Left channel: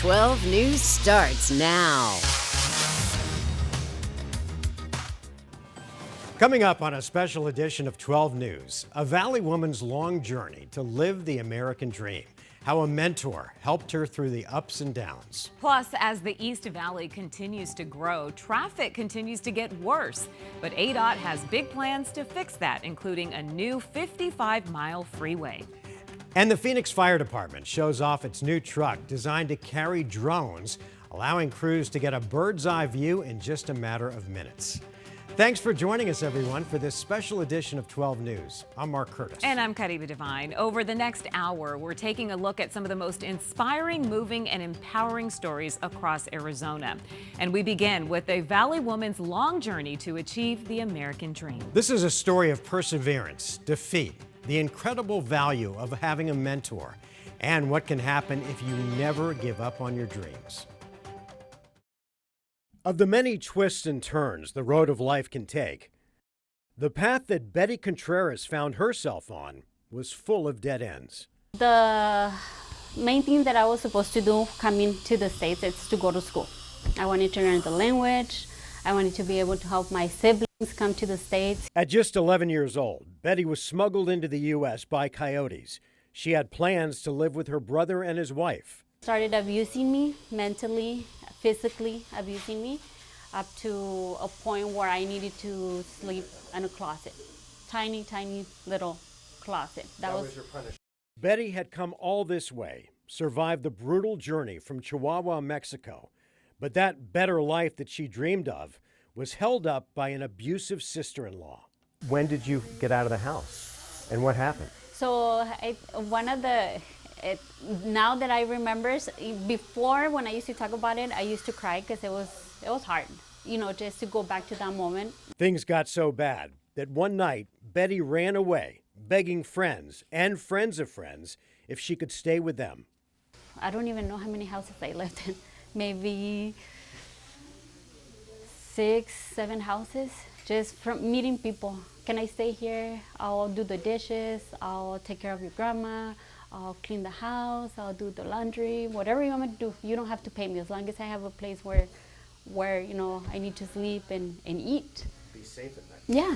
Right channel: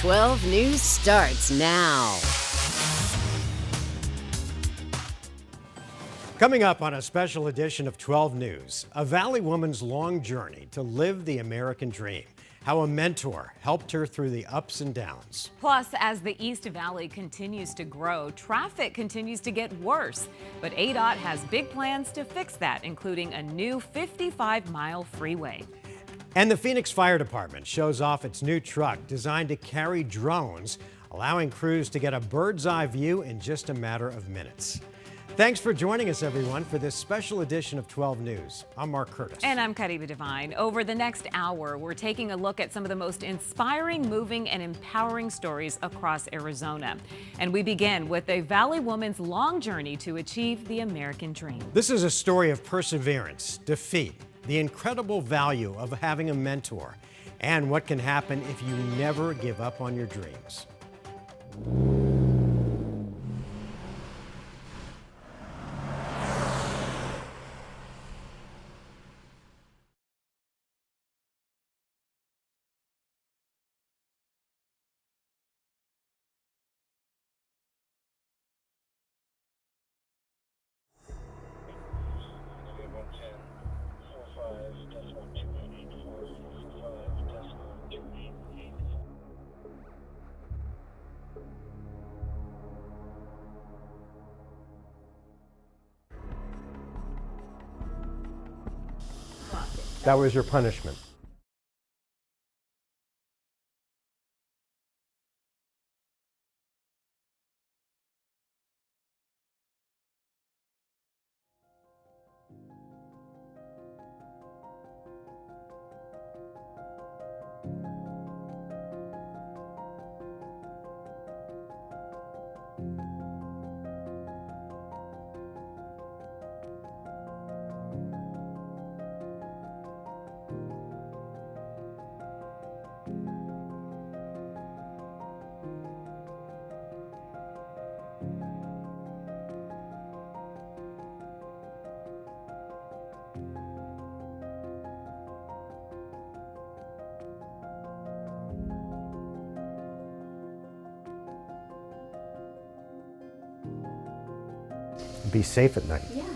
12 News starts now. Coming up on a special edition of 12 News, a Valley woman's long journey to live the American dream. How a mentor helped her through the ups and downs. Plus, as the East Valley continues to grow, traffic continues to get worse. But ADOT has big plans to fix that, including a new 55-mile freeway. And the Phoenix Fire Department shows off its new truck designed to carry drones, allowing crews to get a bird's eye view in just a matter of minutes. Thanks for joining us, everyone, for this special edition of 12 News. I'm Mark Curtis. And I'm Kariba Devine. Over the next hour, we're taking a look at some of the most inspiring, moving, and empowering stories across Arizona. And we begin with a Valley woman's long journey to achieve the American dream. This is a story of perseverance, defeat, the incredible value of having a mentor, and what can happen if you never give up on your dreams. Of the many twists and turns the road of life can take, the path that Betty Contreras found herself on was full of dead ends. The main thing that I was supposed to do coming to the States is to go to school. I wanted to learn the language. I wanted to be able to help my siblings come to the States. At just 11 years old, Betty was smuggled into the U.S. by coyotes. She had plans to live with her brother and his wife. Started abusing me mentally, physically abusing me, up to a point where I needed to sleep in a closet. Tiny, tiny little closet. That was your punishment. Betty had come all this way, survived the brutal journey from Chihuahua, Mexico. But that better life that she dreamed of was held up by an abusive sister-in-law. When did you get out of the house? And what happened? So now that I remember, before when I used to talk about it, I used to cry because it was hard, just to go back to that moment. Things got so bad that one night, Betty ran away, begging friends and friends of friends if she could stay with them. I don't even know how many houses I lived in. Maybe 6, 7 houses, just from meeting people. Can I stay here? I'll do the dishes, I'll take care of your grandma, I'll clean the house, I'll do the laundry, whatever you want me to do. You don't have to pay me as long as I have a place where I need to sleep and eat. Be safe at night. Yeah.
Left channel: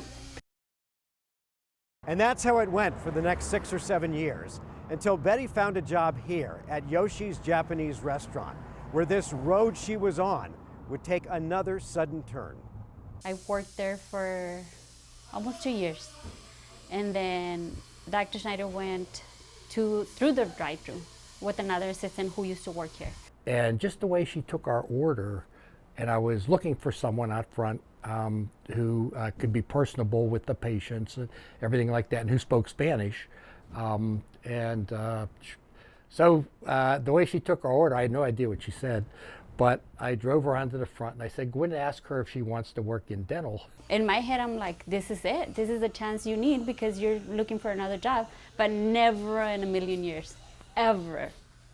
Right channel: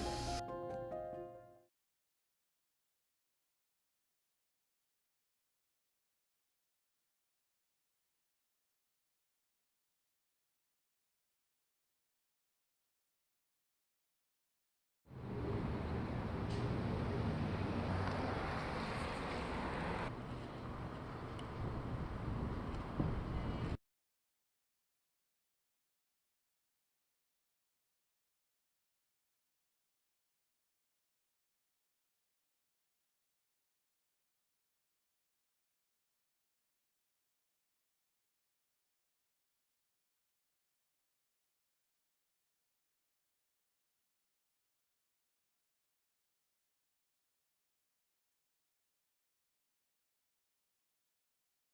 And that's how it went for the next 6 or 7 years, until Betty found a job here at Yoshi's Japanese restaurant, where this road she was on would take another sudden turn. I worked there for almost 2 years. And then Dr. Schneider went through the drive-thru with another assistant who used to work here. And just the way she took our order, and I was looking for someone out front who could be personable with the patients and everything like that, and who spoke Spanish. So the way she took our order, I had no idea what she said, but I drove her onto the front and I said, go in and ask her if she wants to work in dental. In my head, I'm like, this is it. This is the chance you need because you're looking for another job. But never in a million years, ever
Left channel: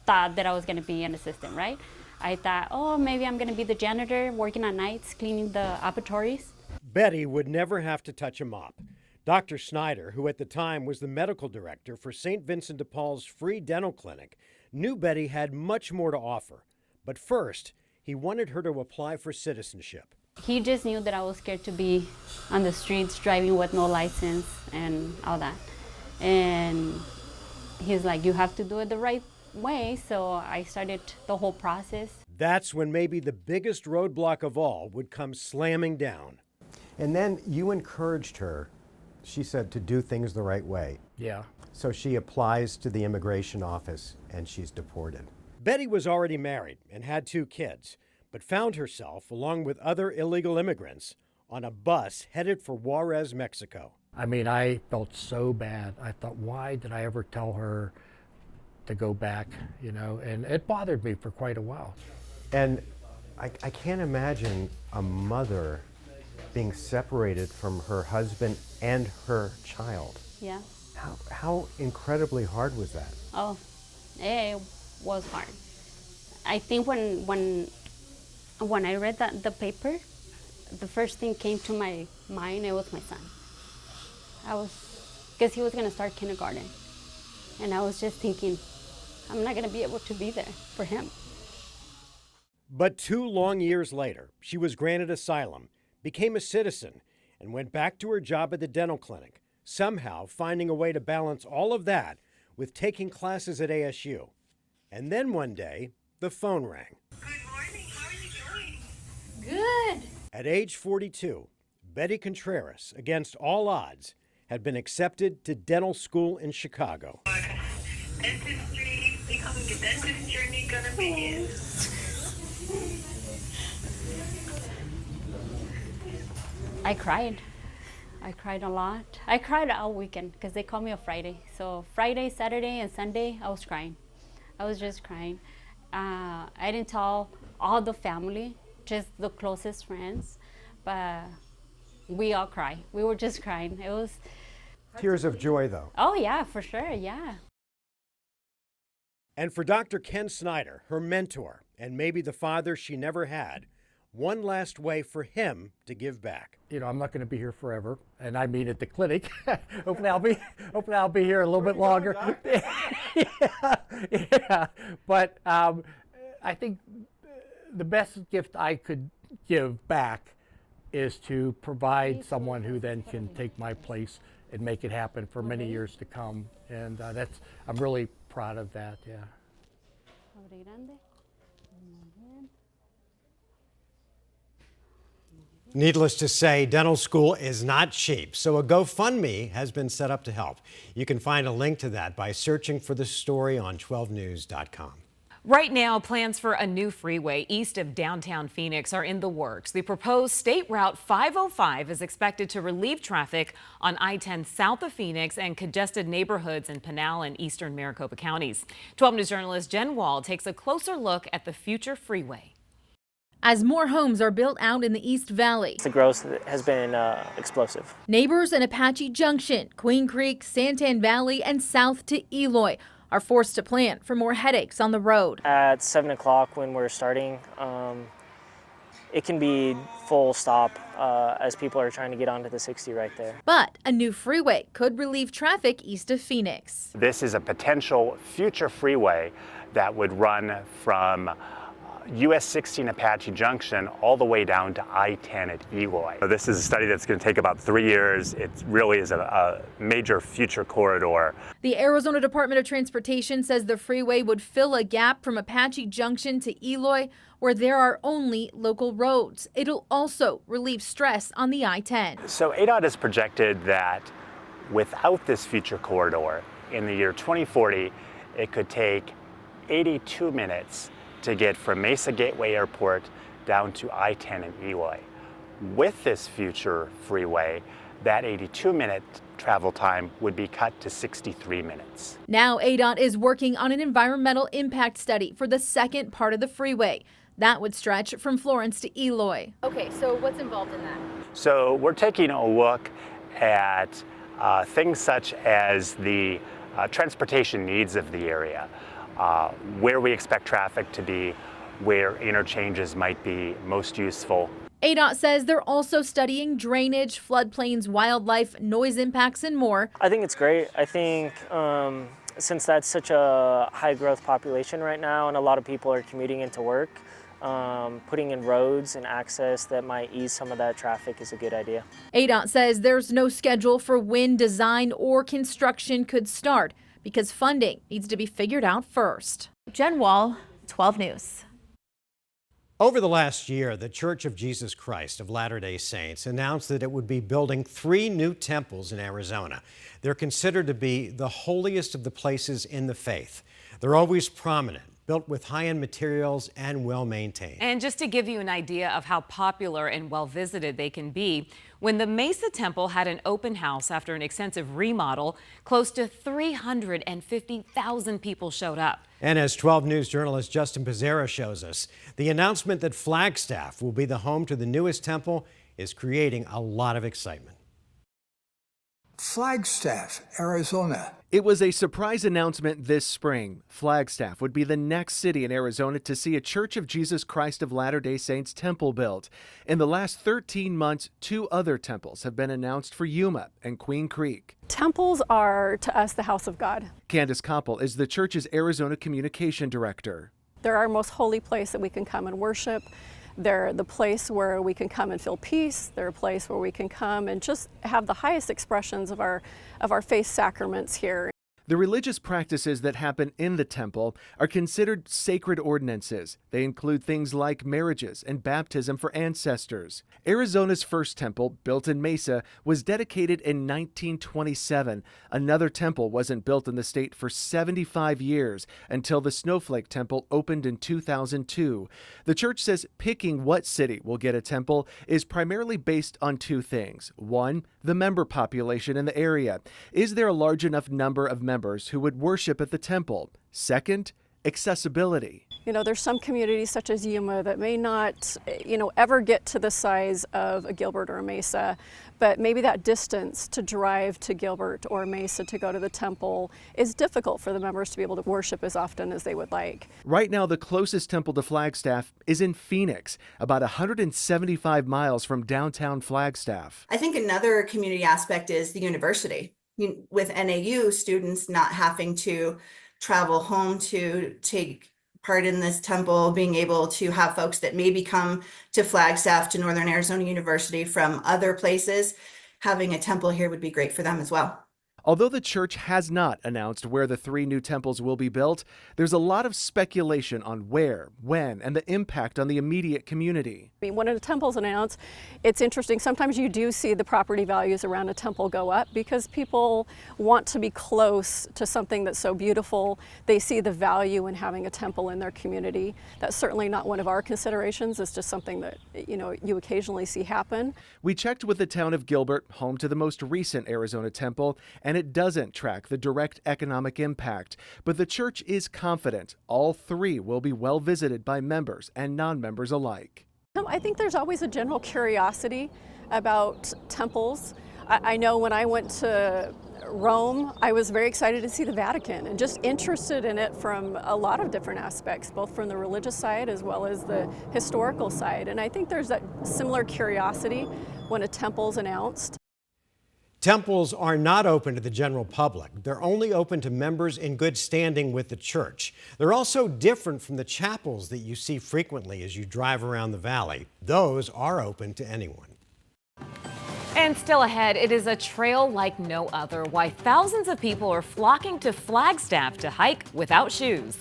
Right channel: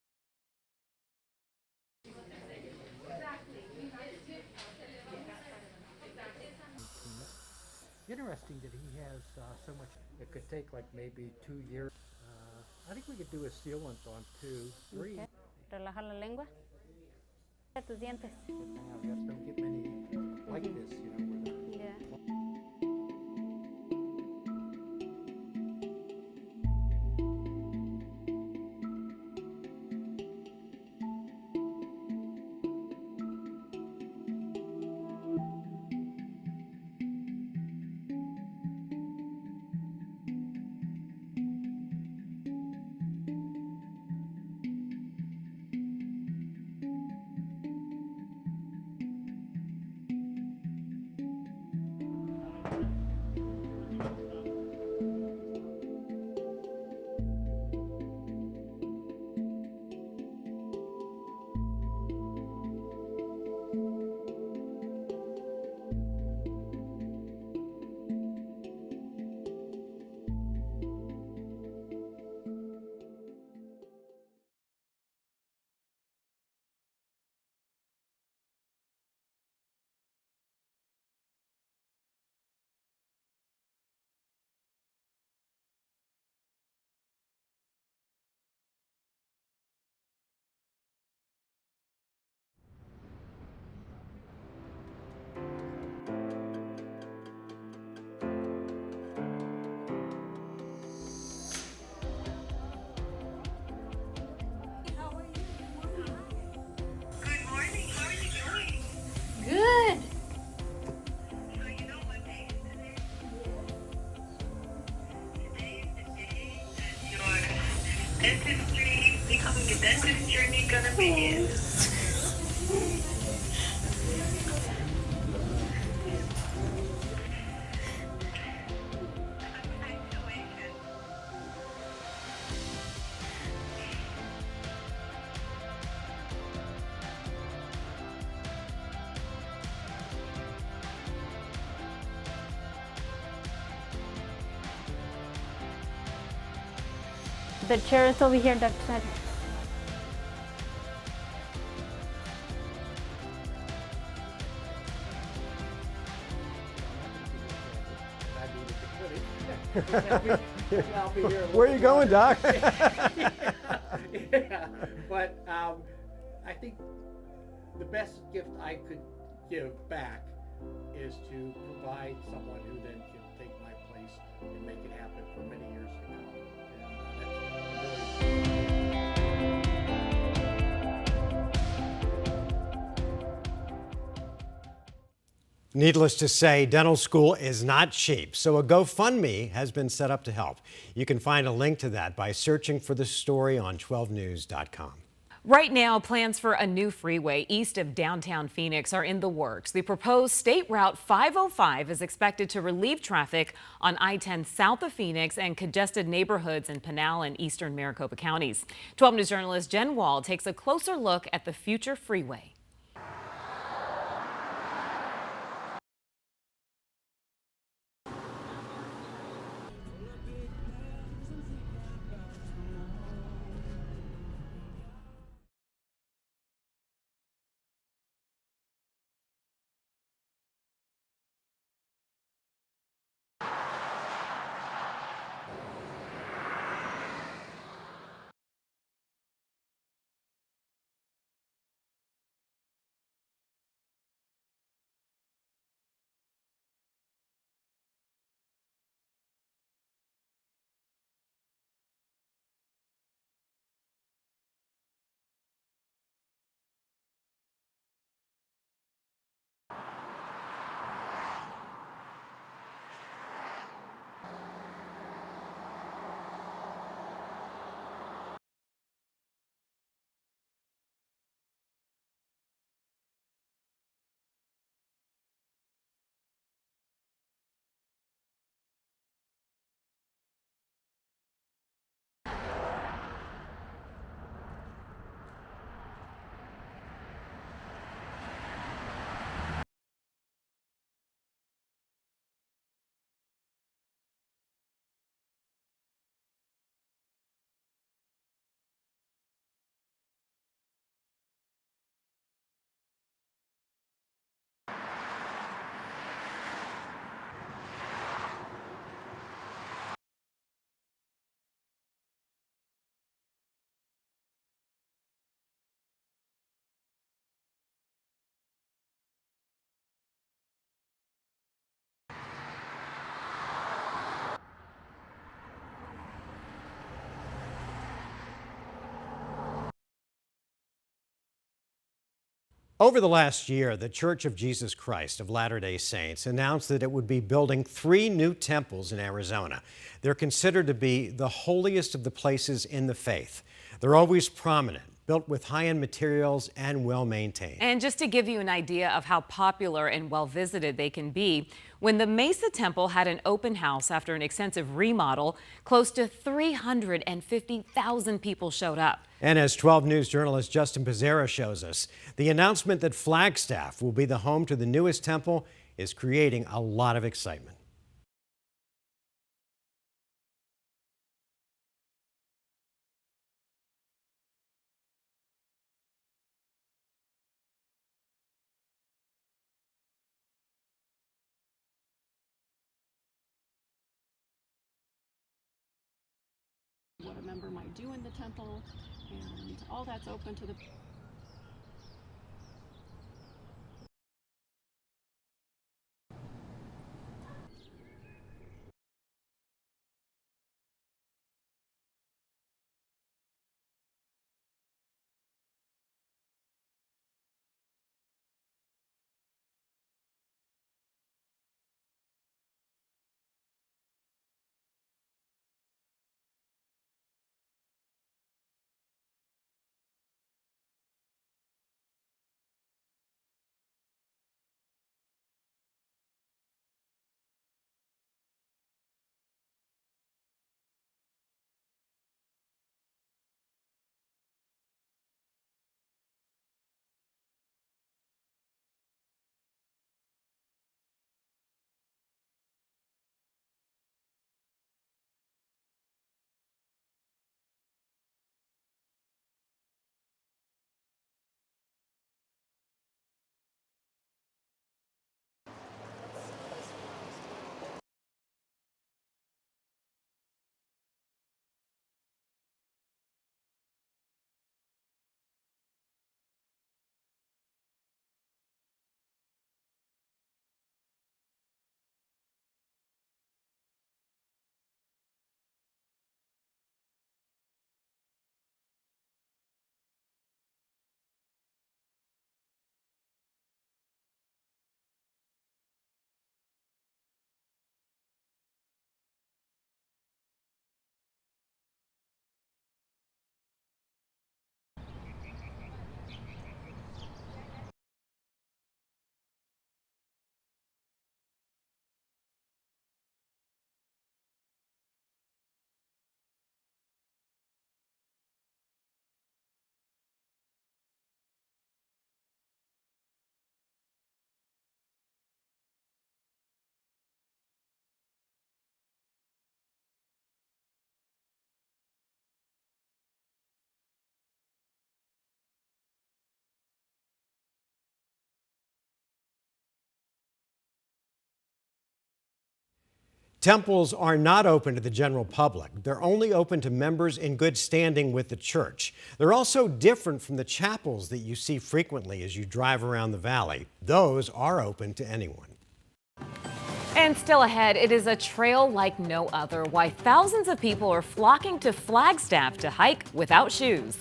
thought that I was gonna be an assistant, right? I thought, oh, maybe I'm gonna be the janitor, working at nights, cleaning the operatories. Betty would never have to touch a mop. Dr. Snyder, who at the time was the medical director for St. Vincent de Paul's free dental clinic, knew Betty had much more to offer. But first, he wanted her to apply for citizenship. He just knew that I was scared to be on the streets driving with no license and all that. And he's like, you have to do it the right way. So I started the whole process. That's when maybe the biggest roadblock of all would come slamming down. And then you encouraged her, she said, to do things the right way. Yeah. So she applies to the immigration office and she's deported. Betty was already married and had 2 kids, but found herself, along with other illegal immigrants, on a bus headed for Juarez, Mexico. I mean, I felt so bad. I thought, why did I ever tell her to go back, and it bothered me for quite a while. And I can't imagine a mother being separated from her husband and her child. Yeah. How incredibly hard was that? Oh, it was hard. I think when I read the paper, the first thing came to my mind, it was my son. Because he was gonna start kindergarten. And I was just thinking, I'm not gonna be able to be there for him. But 2 long years later, she was granted asylum, became a citizen, and went back to her job at the dental clinic, somehow finding a way to balance all of that with taking classes at ASU. And then one day, the phone rang. Good morning. How are you doing? Good. At age 42, Betty Contreras, against all odds, had been accepted to dental school in Chicago. Dentistry, becoming a dentist journey gonna be. I cried. I cried a lot. I cried all weekend because they called me on Friday. So Friday, Saturday, and Sunday, I was crying. I was just crying. I didn't tell all the family, just the closest friends, but we all cried. We were just crying. It was. Tears of joy, though. Oh yeah, for sure, yeah. The chair is over here, Dr. Snyder. And for Dr. Ken Snyder, her mentor, and maybe the father she never had, one last way for him to give back. You know, I'm not going to be here forever, and I mean at the clinic. hopefully I'll be here a little bit longer. Where are you going, Doc? Yeah. But I think the best gift I could give back is to provide someone who then can take my place and make it happen for many years to come. And I'm really proud of that. Needless to say, dental school is not cheap, so a GoFundMe has been set up to help. You can find a link to that by searching for the story on 12news.com. Right now, plans for a new freeway east of downtown Phoenix are in the works. The proposed State Route 505 is expected to relieve traffic on I-10 south of Phoenix and congested neighborhoods in Pinal and eastern Maricopa counties. 12 News journalist Jen Wall takes a closer look at the future freeway. As more homes are built out in the East Valley, The growth has been explosive. neighbors in Apache Junction, Queen Creek, Santan Valley, and south to Eloy are forced to plan for more headaches on the road. At 7 o'clock when we're starting, it can be full stop as people are trying to get onto the 60 right there. But a new freeway could relieve traffic east of Phoenix. This is a potential future freeway that would run from US 16 Apache Junction all the way down to I-10 at Eloy. This is a study that's going to take about 3 years. It really is a major future corridor. The Arizona Department of Transportation says the freeway would fill a gap from Apache Junction to Eloy, where there are only local roads. It'll also relieve stress on the I-10. So ADOT has projected that without this future corridor, in the year 2040, it could take 82 minutes to get from Mesa Gateway Airport down to I-10 in Eloy. With this future freeway, that 82-minute travel time would be cut to 63 minutes. Now ADOT is working on an environmental impact study for the second part of the freeway. That would stretch from Florence to Eloy. Okay, so what's involved in that? So we're taking a look at things such as the transportation needs of the area, where we expect traffic to be, where interchanges might be most useful. ADOT says they're also studying drainage, floodplains, wildlife, noise impacts, and more. I think it's great. I think since that's such a high growth population right now and a lot of people are commuting into work, putting in roads and access that might ease some of that traffic is a good idea. ADOT says there's no schedule for when design or construction could start because funding needs to be figured out first. Jen Wall, 12 News. Over the last year, the Church of Jesus Christ of Latter-day Saints announced that it would be building 3 new temples in Arizona. They're considered to be the holiest of the places in the faith. They're always prominent, built with high-end materials and well-maintained. And just to give you an idea of how popular and well-visited they can be, when the Mesa Temple had an open house after an extensive remodel, close to 350,000 people showed up. And as 12 News journalist Justin Pizzera shows us, the announcement that Flagstaff will be the home to the newest temple is creating a lot of excitement. Flagstaff, Arizona. It was a surprise announcement this spring. Flagstaff would be the next city in Arizona to see a Church of Jesus Christ of Latter-day Saints temple built. In the last 13 months, 2 other temples have been announced for Yuma and Queen Creek. Temples are, to us, the house of God. Candace Koppel is the church's Arizona communication director. They're our most holy place that we can come and worship. They're the place where we can come and feel peace. They're a place where we can come and just have the highest expressions of our faith sacraments here. The religious practices that happen in the temple are considered sacred ordinances. They include things like marriages and baptism for ancestors. Arizona's first temple, built in Mesa, was dedicated in 1927. Another temple wasn't built in the state for 75 years until the Snowflake Temple opened in 2002. The church says picking what city will get a temple is primarily based on 2 things. 1, the member population in the area. Is there a large enough number of members who would worship at the temple? 2nd, accessibility. You know, there's some communities such as Yuma that may not, ever get to the size of a Gilbert or a Mesa, but maybe that distance to drive to Gilbert or Mesa to go to the temple is difficult for the members to be able to worship as often as they would like. Right now, the closest temple to Flagstaff is in Phoenix, about 175 miles from downtown Flagstaff. I think another community aspect is the university. With NAU, students not having to travel home to take part in this temple, being able to have folks that maybe come to Flagstaff, to Northern Arizona University from other places, having a temple here would be great for them as well. Although the church has not announced where the 3 new temples will be built, there's a lot of speculation on where, when, and the impact on the immediate community. I mean, when a temple's announced, it's interesting. Sometimes you do see the property values around a temple go up because people want to be close to something that's so beautiful. They see the value in having a temple in their community. That's certainly not one of our considerations. It's just something that, you occasionally see happen. We checked with the town of Gilbert, home to the most recent Arizona temple, and it doesn't track the direct economic impact. But the church is confident all 3 will be well visited by members and non-members alike. I think there's always a general curiosity about temples. I know when I went to Rome, I was very excited to see the Vatican and just interested in it from a lot of different aspects, both from the religious side as well as the historical side. And I think there's that similar curiosity when a temple's announced. Temples are not open to the general public. They're only open to members in good standing with the church. They're also different from the chapels that you see frequently as you drive around the valley. Those are open to anyone. And still ahead, it is a trail like no other. Why thousands of people are flocking to Flagstaff to hike without shoes.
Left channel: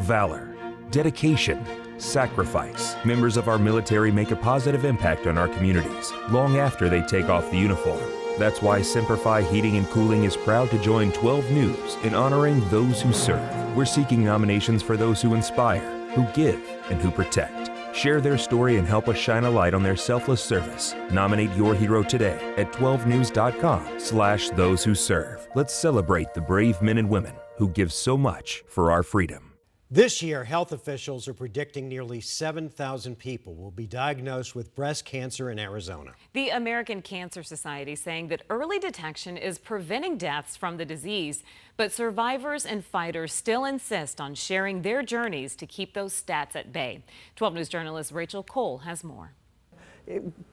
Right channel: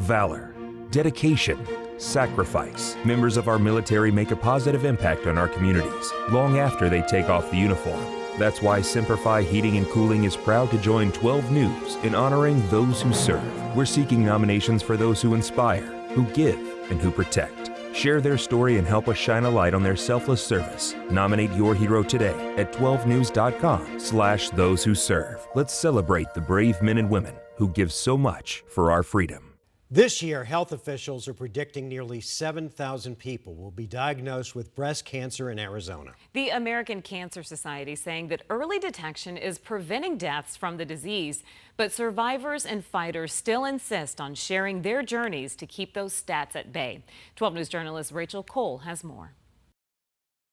Valor, dedication, sacrifice. Members of our military make a positive impact on our communities long after they take off the uniform. That's why Simplify Heating and Cooling is proud to join 12 News in honoring those who serve. We're seeking nominations for those who inspire, who give, and who protect. Share their story and help us shine a light on their selfless service. Nominate your hero today at 12news.com/those who serve. Let's celebrate the brave men and women who give so much for our freedom. This year, health officials are predicting nearly 7,000 people will be diagnosed with breast cancer in Arizona. The American Cancer Society saying that early detection is preventing deaths from the disease, but survivors and fighters still insist on sharing their journeys to keep those stats at bay. 12 News journalist Rachel Cole has more.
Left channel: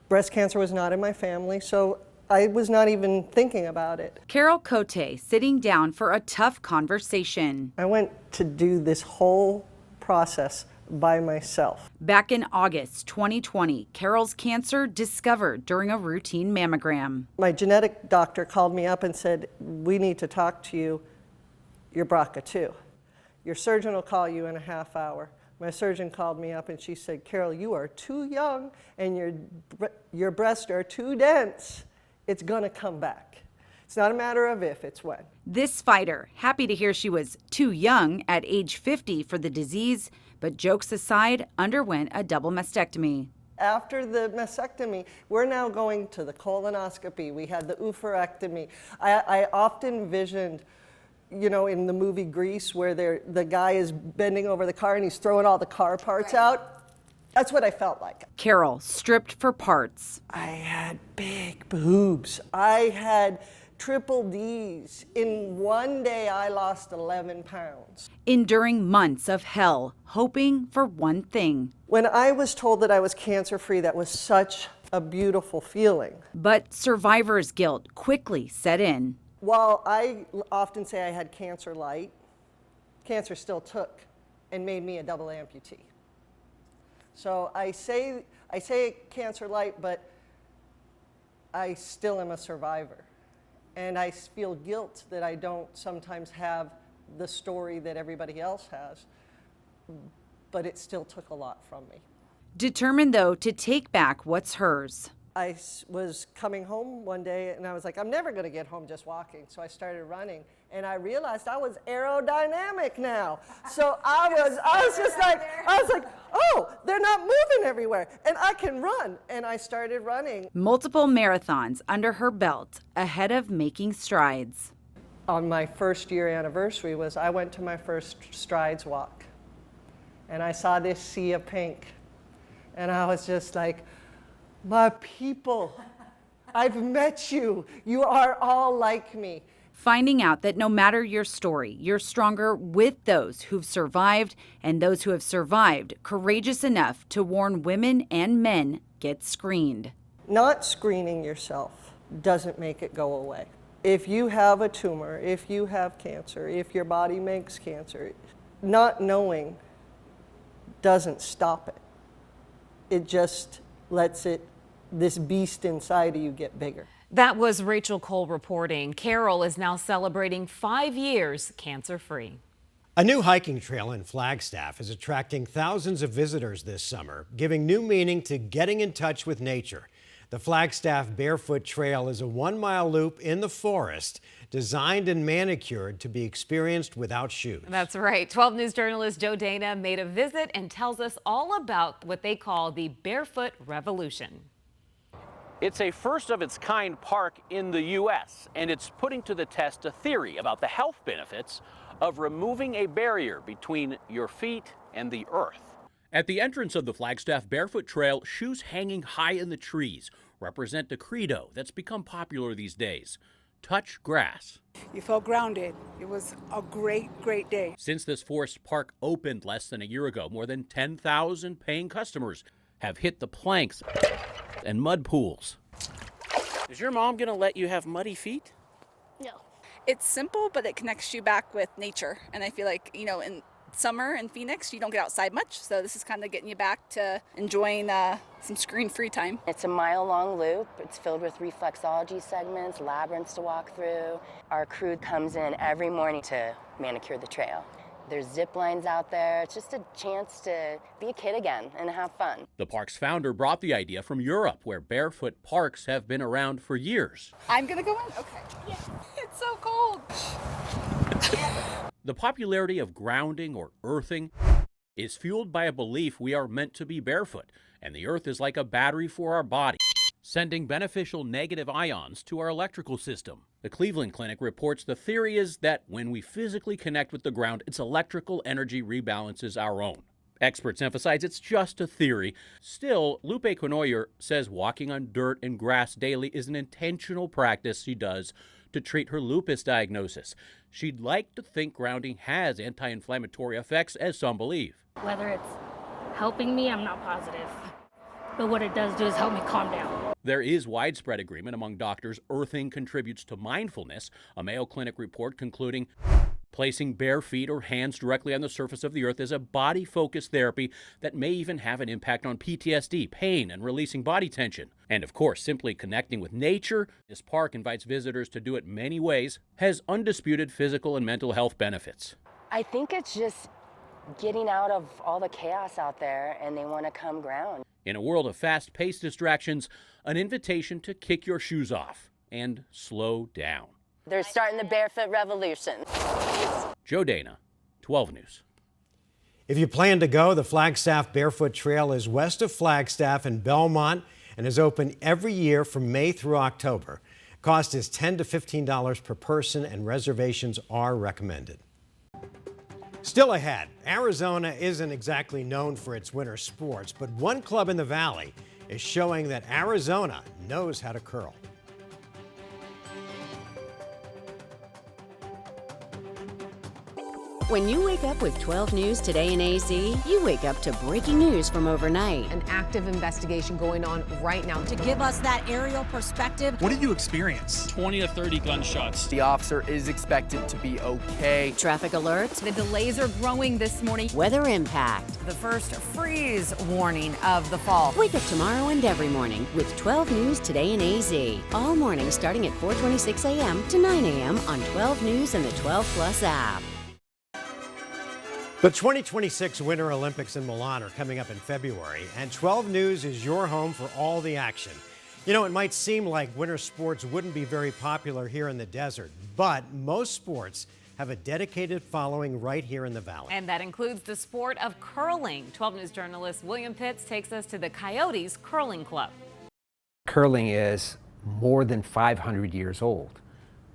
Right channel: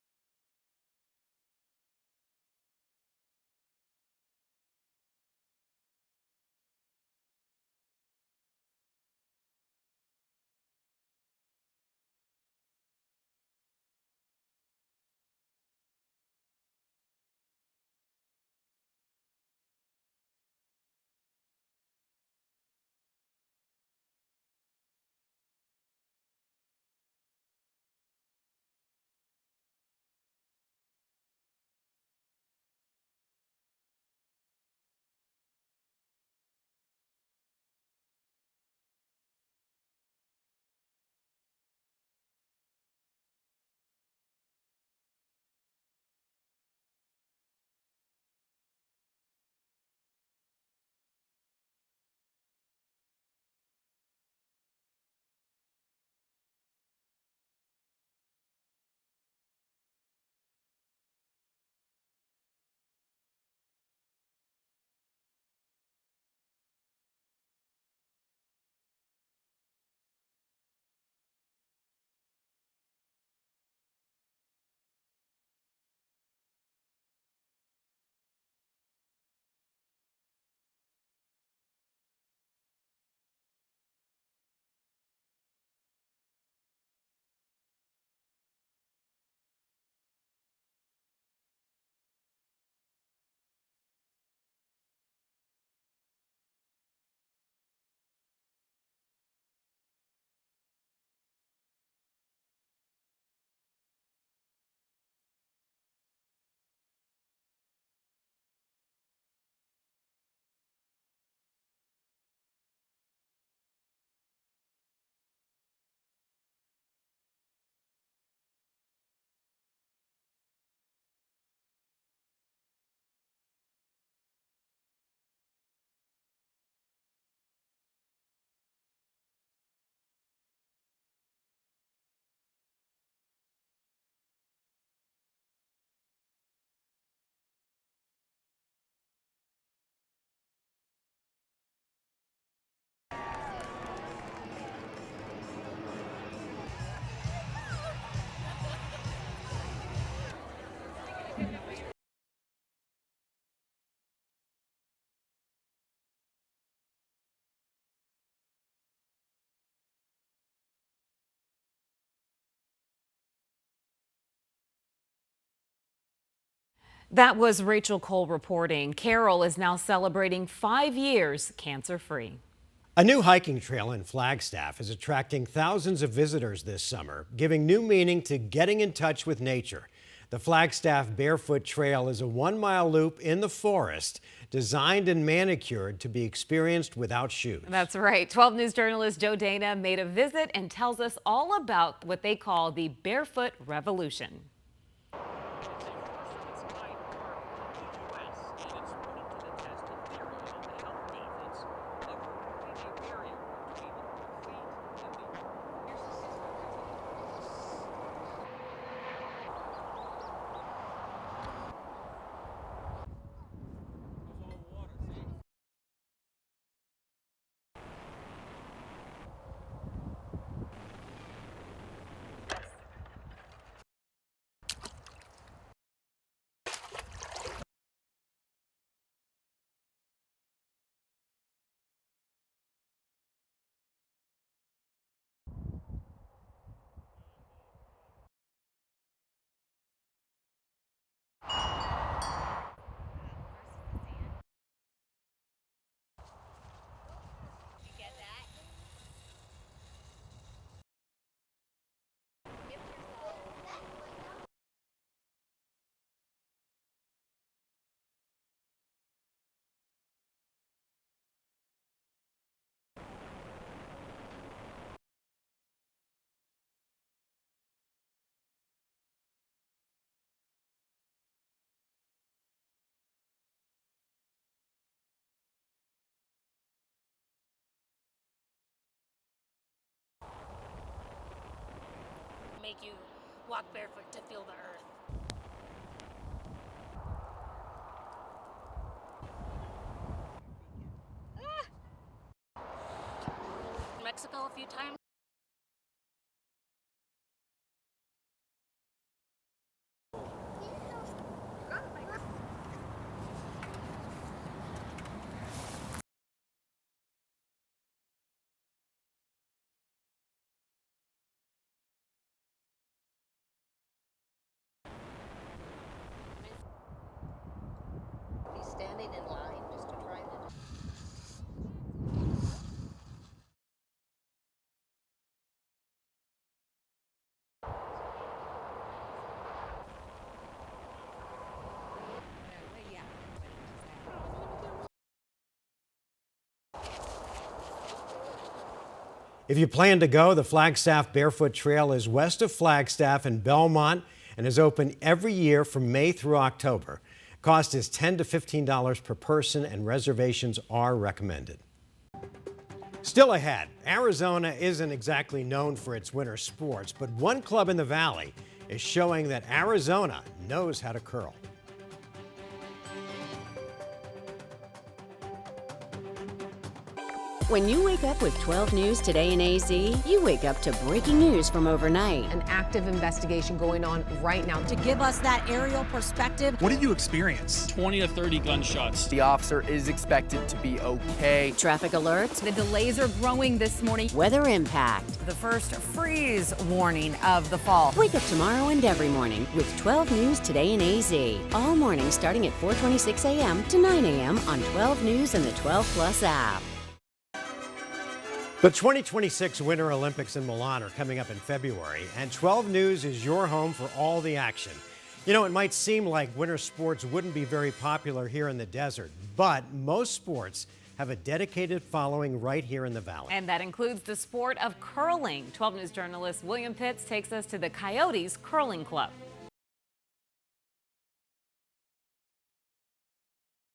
Breast cancer was not in my family, so I was not even thinking about it. Carol Cote sitting down for a tough conversation. I went to do this whole process by myself. Back in August 2020, Carol's cancer discovered during a routine mammogram. My genetic doctor called me up and said, "We need to talk to you. You're BRCA2. Your surgeon will call you in a half hour." My surgeon called me up and she said, "Carol, you are too young and your breasts are too dense. It's gonna come back. It's not a matter of if, it's when." This fighter, happy to hear she was too young at age 50 for the disease, but jokes aside, underwent a double mastectomy. After the mastectomy, we're now going to the colonoscopy. We had the oophorectomy. I often envisioned you know, in the movie Grease, where the guy is bending over the car and he's throwing all the car parts out. That's what I felt like. Carol stripped for parts. I had big boobs. I had triple D's. In one day, I lost 11 pounds. Enduring months of hell, hoping for one thing. When I was told that I was cancer-free, that was such a beautiful feeling. But survivor's guilt quickly set in. While I often say I had cancer light, cancer still took and made me a double amputee. So I say cancer light, but I still am a survivor. And I feel guilt that I don't sometimes have the story that everybody else has, but it still took a lot from me. Determined, though, to take back what's hers. I was coming home one day and I was like, I'm never gonna get home just walking. So I started running and I realized I was aerodynamic now. So I was like, oh, they're not moving everywhere and I can run. And I started running. Multiple marathons under her belt, ahead of making strides. On my first year anniversary I went to my first strides walk and I saw this sea of pink and I was just like, my people, I've met you. You are all like me. Finding out that no matter your story, you're stronger with those who've survived and those who have survived, courageous enough to warn women and men get screened. Not screening yourself doesn't make it go away. If you have a tumor, if you have cancer, if your body makes cancer, not knowing doesn't stop it. It just lets this beast inside of you get bigger. That was Rachel Cole reporting. Carol is now celebrating 5 years cancer-free. A new hiking trail in Flagstaff is attracting thousands of visitors this summer, giving new meaning to getting in touch with nature. The Flagstaff Barefoot Trail is a 1-mile loop in the forest, designed and manicured to be experienced without shoes. That's right. 12 News journalist Joe Dana made a visit and tells us all about what they call the Barefoot Revolution. It's a first-of-its-kind park in the U.S., and it's putting to the test a theory about the health benefits of removing a barrier between your feet and the earth. At the entrance of the Flagstaff Barefoot Trail, shoes hanging high in the trees represent a credo that's become popular these days. Touch grass. You felt grounded. It was a great, great day. Since this forest park opened less than a year ago, more than 10,000 paying customers have hit the planks and mud pools. Is your mom gonna let you have muddy feet? No. It's simple, but it connects you back with nature. And I feel like, you know, in summer in Phoenix, you don't get outside much. So this is kind of getting you back to enjoying some screen-free time. It's a mile-long loop. It's filled with reflexology segments, labyrinths to walk through. Our crew comes in every morning to manicure the trail. There's zip lines out there. It's just a chance to be a kid again and have fun. The park's founder brought the idea from Europe, where barefoot parks have been around for years. I'm gonna go in? Okay. Yeah. It's so cold. The popularity of grounding or earthing is fueled by a belief we are meant to be barefoot, and the earth is like a battery for our body, sending beneficial negative ions to our electrical system. The Cleveland Clinic reports the theory is that when we physically connect with the ground, its electrical energy rebalances our own. Experts emphasize it's just a theory. Still, Lupe Conoyer says walking on dirt and grass daily is an intentional practice she does to treat her lupus diagnosis. She'd like to think grounding has anti-inflammatory effects, as some believe. Whether it's helping me, I'm not positive. But what it does do is help me calm down. There is widespread agreement among doctors earthing contributes to mindfulness, a Mayo Clinic report concluding placing bare feet or hands directly on the surface of the earth is a body-focused therapy that may even have an impact on PTSD, pain, and releasing body tension. And of course, simply connecting with nature, this park invites visitors to do it many ways, has undisputed physical and mental health benefits. I think it's just getting out of all the chaos out there, and they want to come ground. In a world of fast-paced distractions, an invitation to kick your shoes off and slow down. They're starting the barefoot revolution. Joe Dana, 12 News. If you plan to go, the Flagstaff Barefoot Trail is west of Flagstaff in Belmont and is open every year from May through October. Cost is $10 to $15 per person, and reservations are recommended. Still ahead, Arizona isn't exactly known for its winter sports, but one club in the Valley is showing that Arizona knows how to curl. When you wake up with 12 News Today in AZ, you wake up to breaking news from overnight. An active investigation going on right now. To give us that aerial perspective. What did you experience? 20 to 30 gunshots. The officer is expected to be okay. Traffic alerts. The delays are growing this morning. Weather impact. The first freeze warning of the fall. Wake up tomorrow and every morning with 12 News Today in AZ. All morning starting at 4:26 a.m. to 9 a.m. on 12 News and the 12 Plus app. The 2026 Winter Olympics in Milan are coming up in February, and 12 News is your home for all the action. You know, it might seem like winter sports wouldn't be very popular here in the desert, but most sports have a dedicated following right here in the Valley. And that includes the sport of curling. 12 News journalist William Pitts takes us to the Coyotes Curling Club. Curling is more than 500 years old.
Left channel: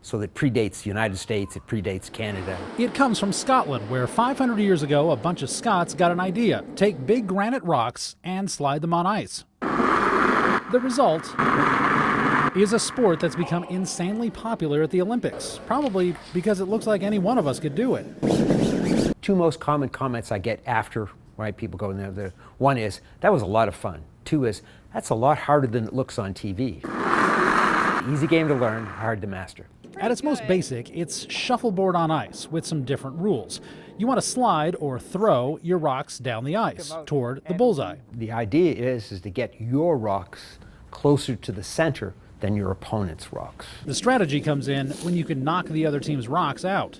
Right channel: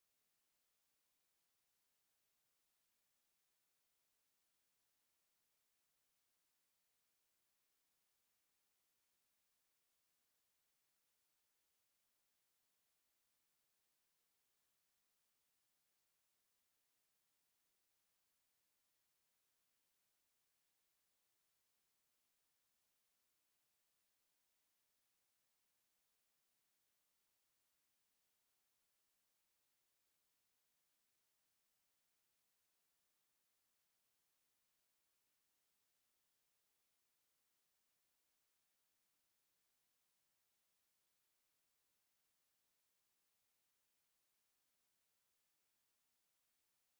So it predates the United States, it predates Canada. It comes from Scotland, where 500 years ago, a bunch of Scots got an idea. Take big granite rocks and slide them on ice. The result is a sport that's become insanely popular at the Olympics, probably because it looks like any one of us could do it. Two most common comments I get after, right, people go in there. One is, that was a lot of fun. Two is, that's a lot harder than it looks on TV. Easy game to learn, hard to master. At its most basic, it's shuffleboard on ice with some different rules. You want to slide or throw your rocks down the ice toward the bullseye. The idea is to get your rocks closer to the center than your opponent's rocks. The strategy comes in when you can knock the other team's rocks out.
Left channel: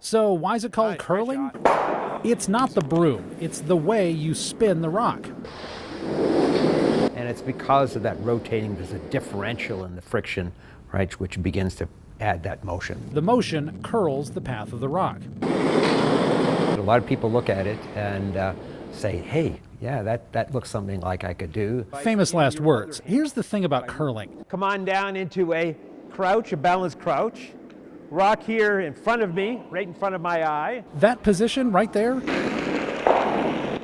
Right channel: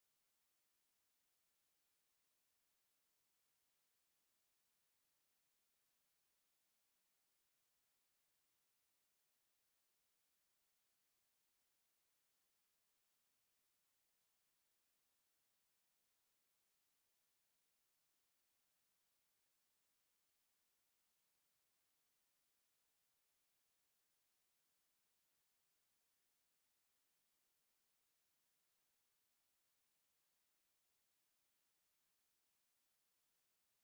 So why is it called curling? It's not the broom, it's the way you spin the rock. And it's because of that rotating, there's a differential in the friction, right, which begins to add that motion. The motion curls the path of the rock. A lot of people look at it and say, hey, yeah, that looks something like I could do. Famous last words. Here's the thing about curling. Come on down into a crouch, a balanced crouch. Rock here in front of me, right in front of my eye. That position right there,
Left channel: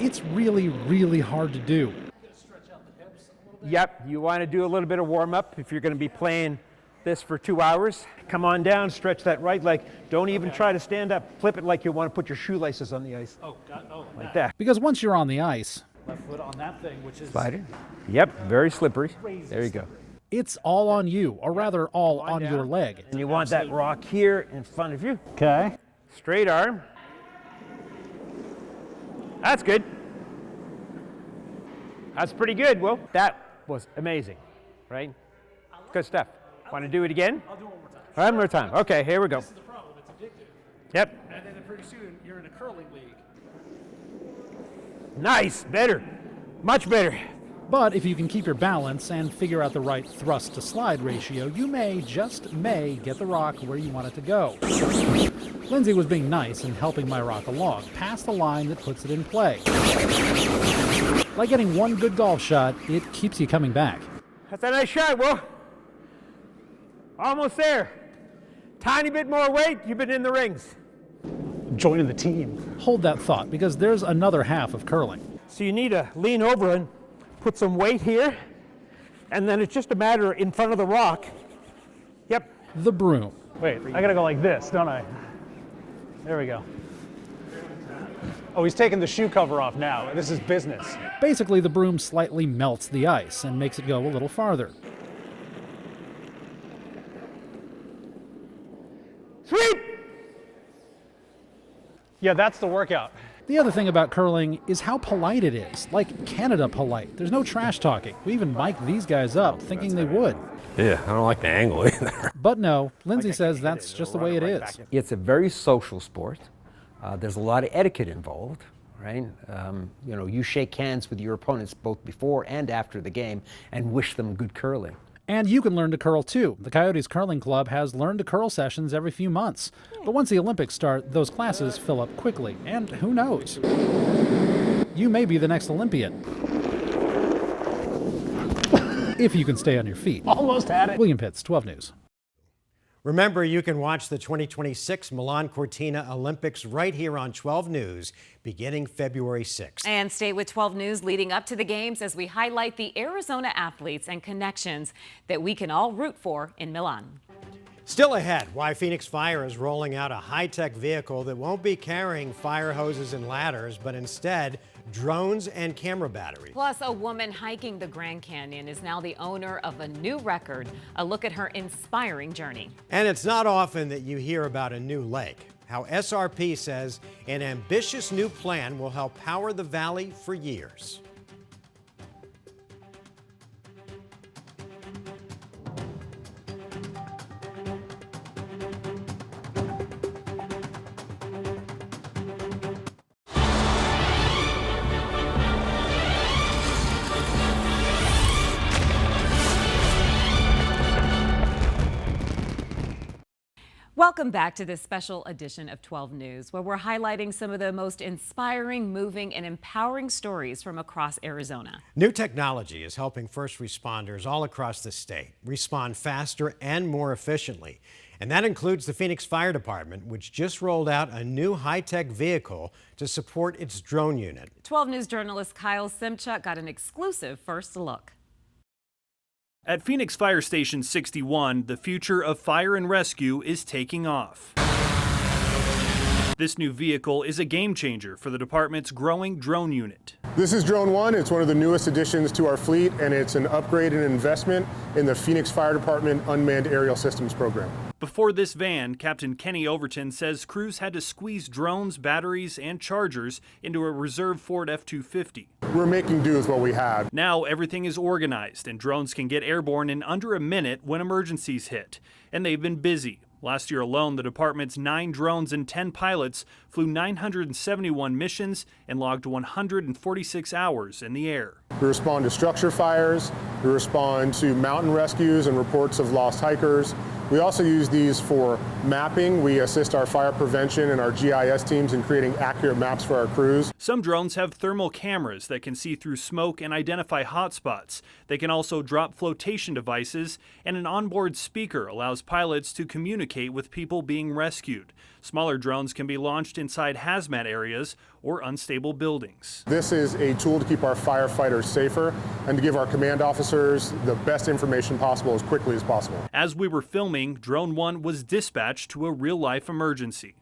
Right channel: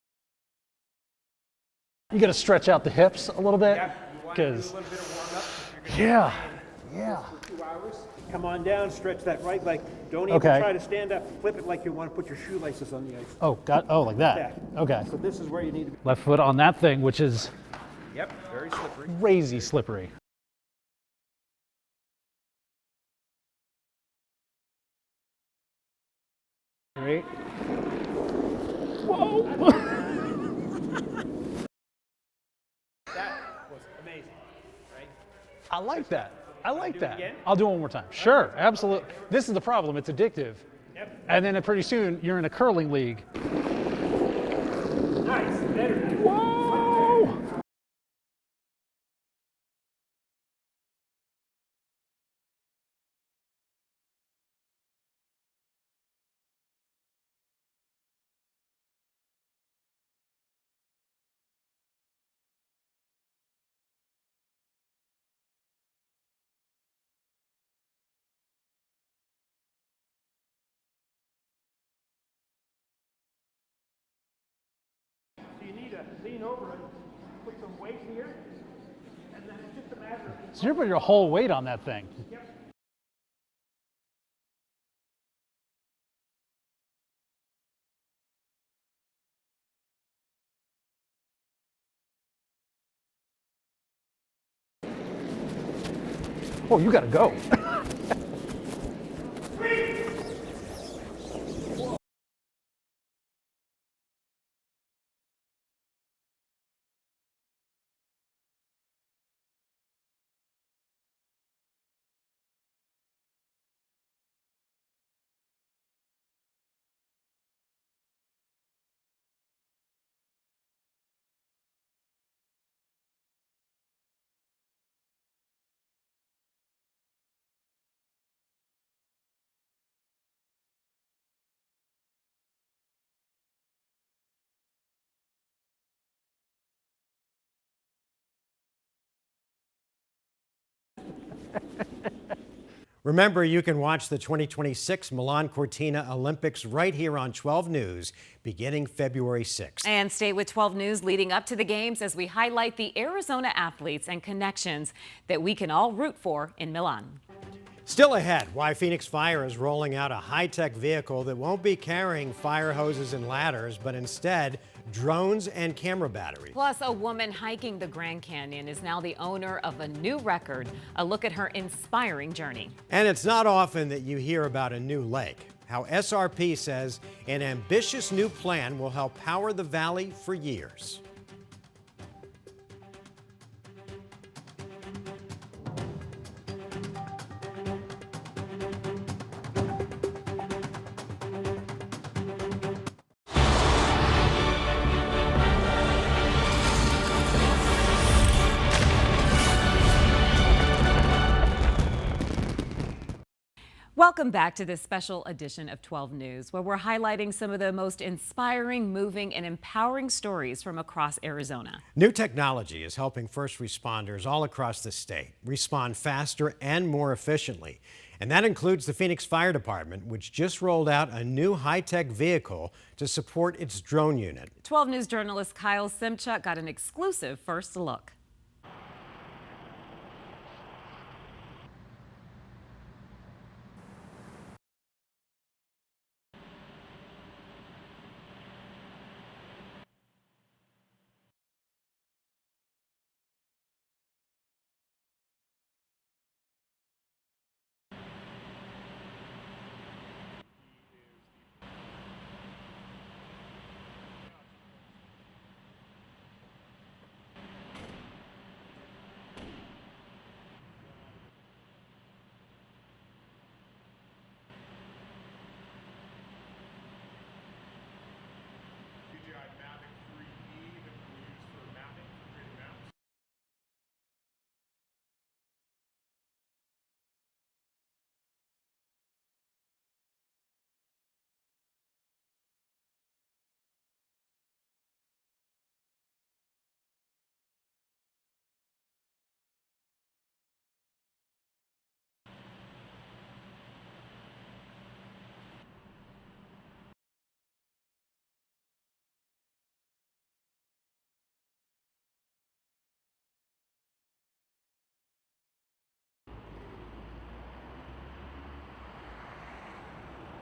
it's really, really hard to do. You got to stretch out the hips a little bit. Yep, you want to do a little bit of warm-up if you're going to be playing this for 2 hours. Come on down, stretch that right leg. Don't even try to stand up. Flip it like you want to put your shoelaces on the ice. Oh, like that. Yeah. Because once you're on the ice, left foot on that thing, which is Yep, very slippery. Crazy slippery. It's all on you, or rather all on your leg. And you want that rock here in front of you. Okay. Straight arm. Great. Whoa. That's good. That's pretty good, Will. That was amazing, right? I like good stuff. I Want like to do that. it again? I'll do it one more time. One more time. Absolutely. Okay, here we go. This is the problem. It's addictive. Yep. And then pretty soon you're in a curling league. Nice. Better. Much better. But if you can keep your balance and figure out the right thrust to slide ratio, you may, just may, get the rock where you want it to go. Lindsay was being nice and helping my rock along, past the line that puts it in play. Like getting one good golf shot, it keeps you coming back. That's a nice shot, Will. Almost there. Tiny bit more weight, you've been in the rings. Joining the team. Hold that thought, because there's another half of curling. So you need to lean over and put some weight here, and then it's just a matter in front of the rock. Whole weight on that thing. Yep. The broom. Wait, I gotta go like this, don't I? There we go. Oh, he's taking the shoe cover off now. This is business. Basically, the broom slightly melts the ice and makes it go a little farther. Oh, you gotta go. Sweep! Yeah, that's the workout. The other thing about curling is how polite it is. Like Canada polite. There's no trash talking. We even mic'd these guys up, thinking they would. Yeah, I don't like the angle either. But no, Lindsay says that's just the way it is. It's a very social sport. There's a lot of etiquette involved, right? You know, you shake hands with your opponents both before and after the game and wish them good curling. And you can learn to curl too. The Coyotes Curling Club has learn to curl sessions every few months. But once the Olympics start, those classes fill up quickly. And who knows? You may be the next Olympian. if you can stay on your feet. Almost had it. William Pitts, 12 News. Remember, you can watch the 2026 Milan Cortina Olympics right here on 12 News beginning February 6th. And stay with 12 News leading up to the games as we highlight the Arizona athletes and connections that we can all root for in Milan. Still ahead, why Phoenix Fire is rolling out a high-tech vehicle that won't be carrying fire hoses and ladders, but instead drones and camera batteries. Plus, a woman hiking the Grand Canyon is now the owner of a new record. A look at her inspiring journey. And it's not often that you hear about a new lake. How SRP says an ambitious new plan will help power the valley for years. Welcome back to this special edition of 12 News, where we're highlighting some of the most inspiring, moving, and empowering stories from across Arizona. New technology is helping first responders all across the state respond faster and more efficiently. And that includes the Phoenix Fire Department, which just rolled out a new high-tech vehicle to support its drone unit. 12 News journalist Kyle Simchuk got an exclusive first look. At Phoenix Fire Station 61, the future of fire and rescue is taking off. This new vehicle is a game changer for the department's growing drone unit. This is Drone 1. It's one of the newest additions to our fleet, and it's an upgrade and investment in the Phoenix Fire Department Unmanned Aerial Systems program. Before this van, Captain Kenny Overton says crews had to squeeze drones, batteries, and chargers into a reserve Ford F-250. We're making do with what we have. Now everything is organized, and drones can get airborne in under a minute when emergencies hit. And they've been busy. Last year alone, the department's 9 drones and 10 pilots flew 971 missions and logged 146 hours in the air. We respond to structure fires, we respond to mountain rescues and reports of lost hikers. We also use these for mapping. We assist our fire prevention and our GIS teams in creating accurate maps for our crews. Some drones have thermal cameras that can see through smoke and identify hotspots. They can also drop flotation devices, and an onboard speaker allows pilots to communicate with people being rescued. Smaller drones can be launched inside hazmat areas or unstable buildings. This is a tool to keep our firefighters safer and to give our command officers the best information possible as quickly as possible. As we were filming, Drone 1 was dispatched to a real-life emergency.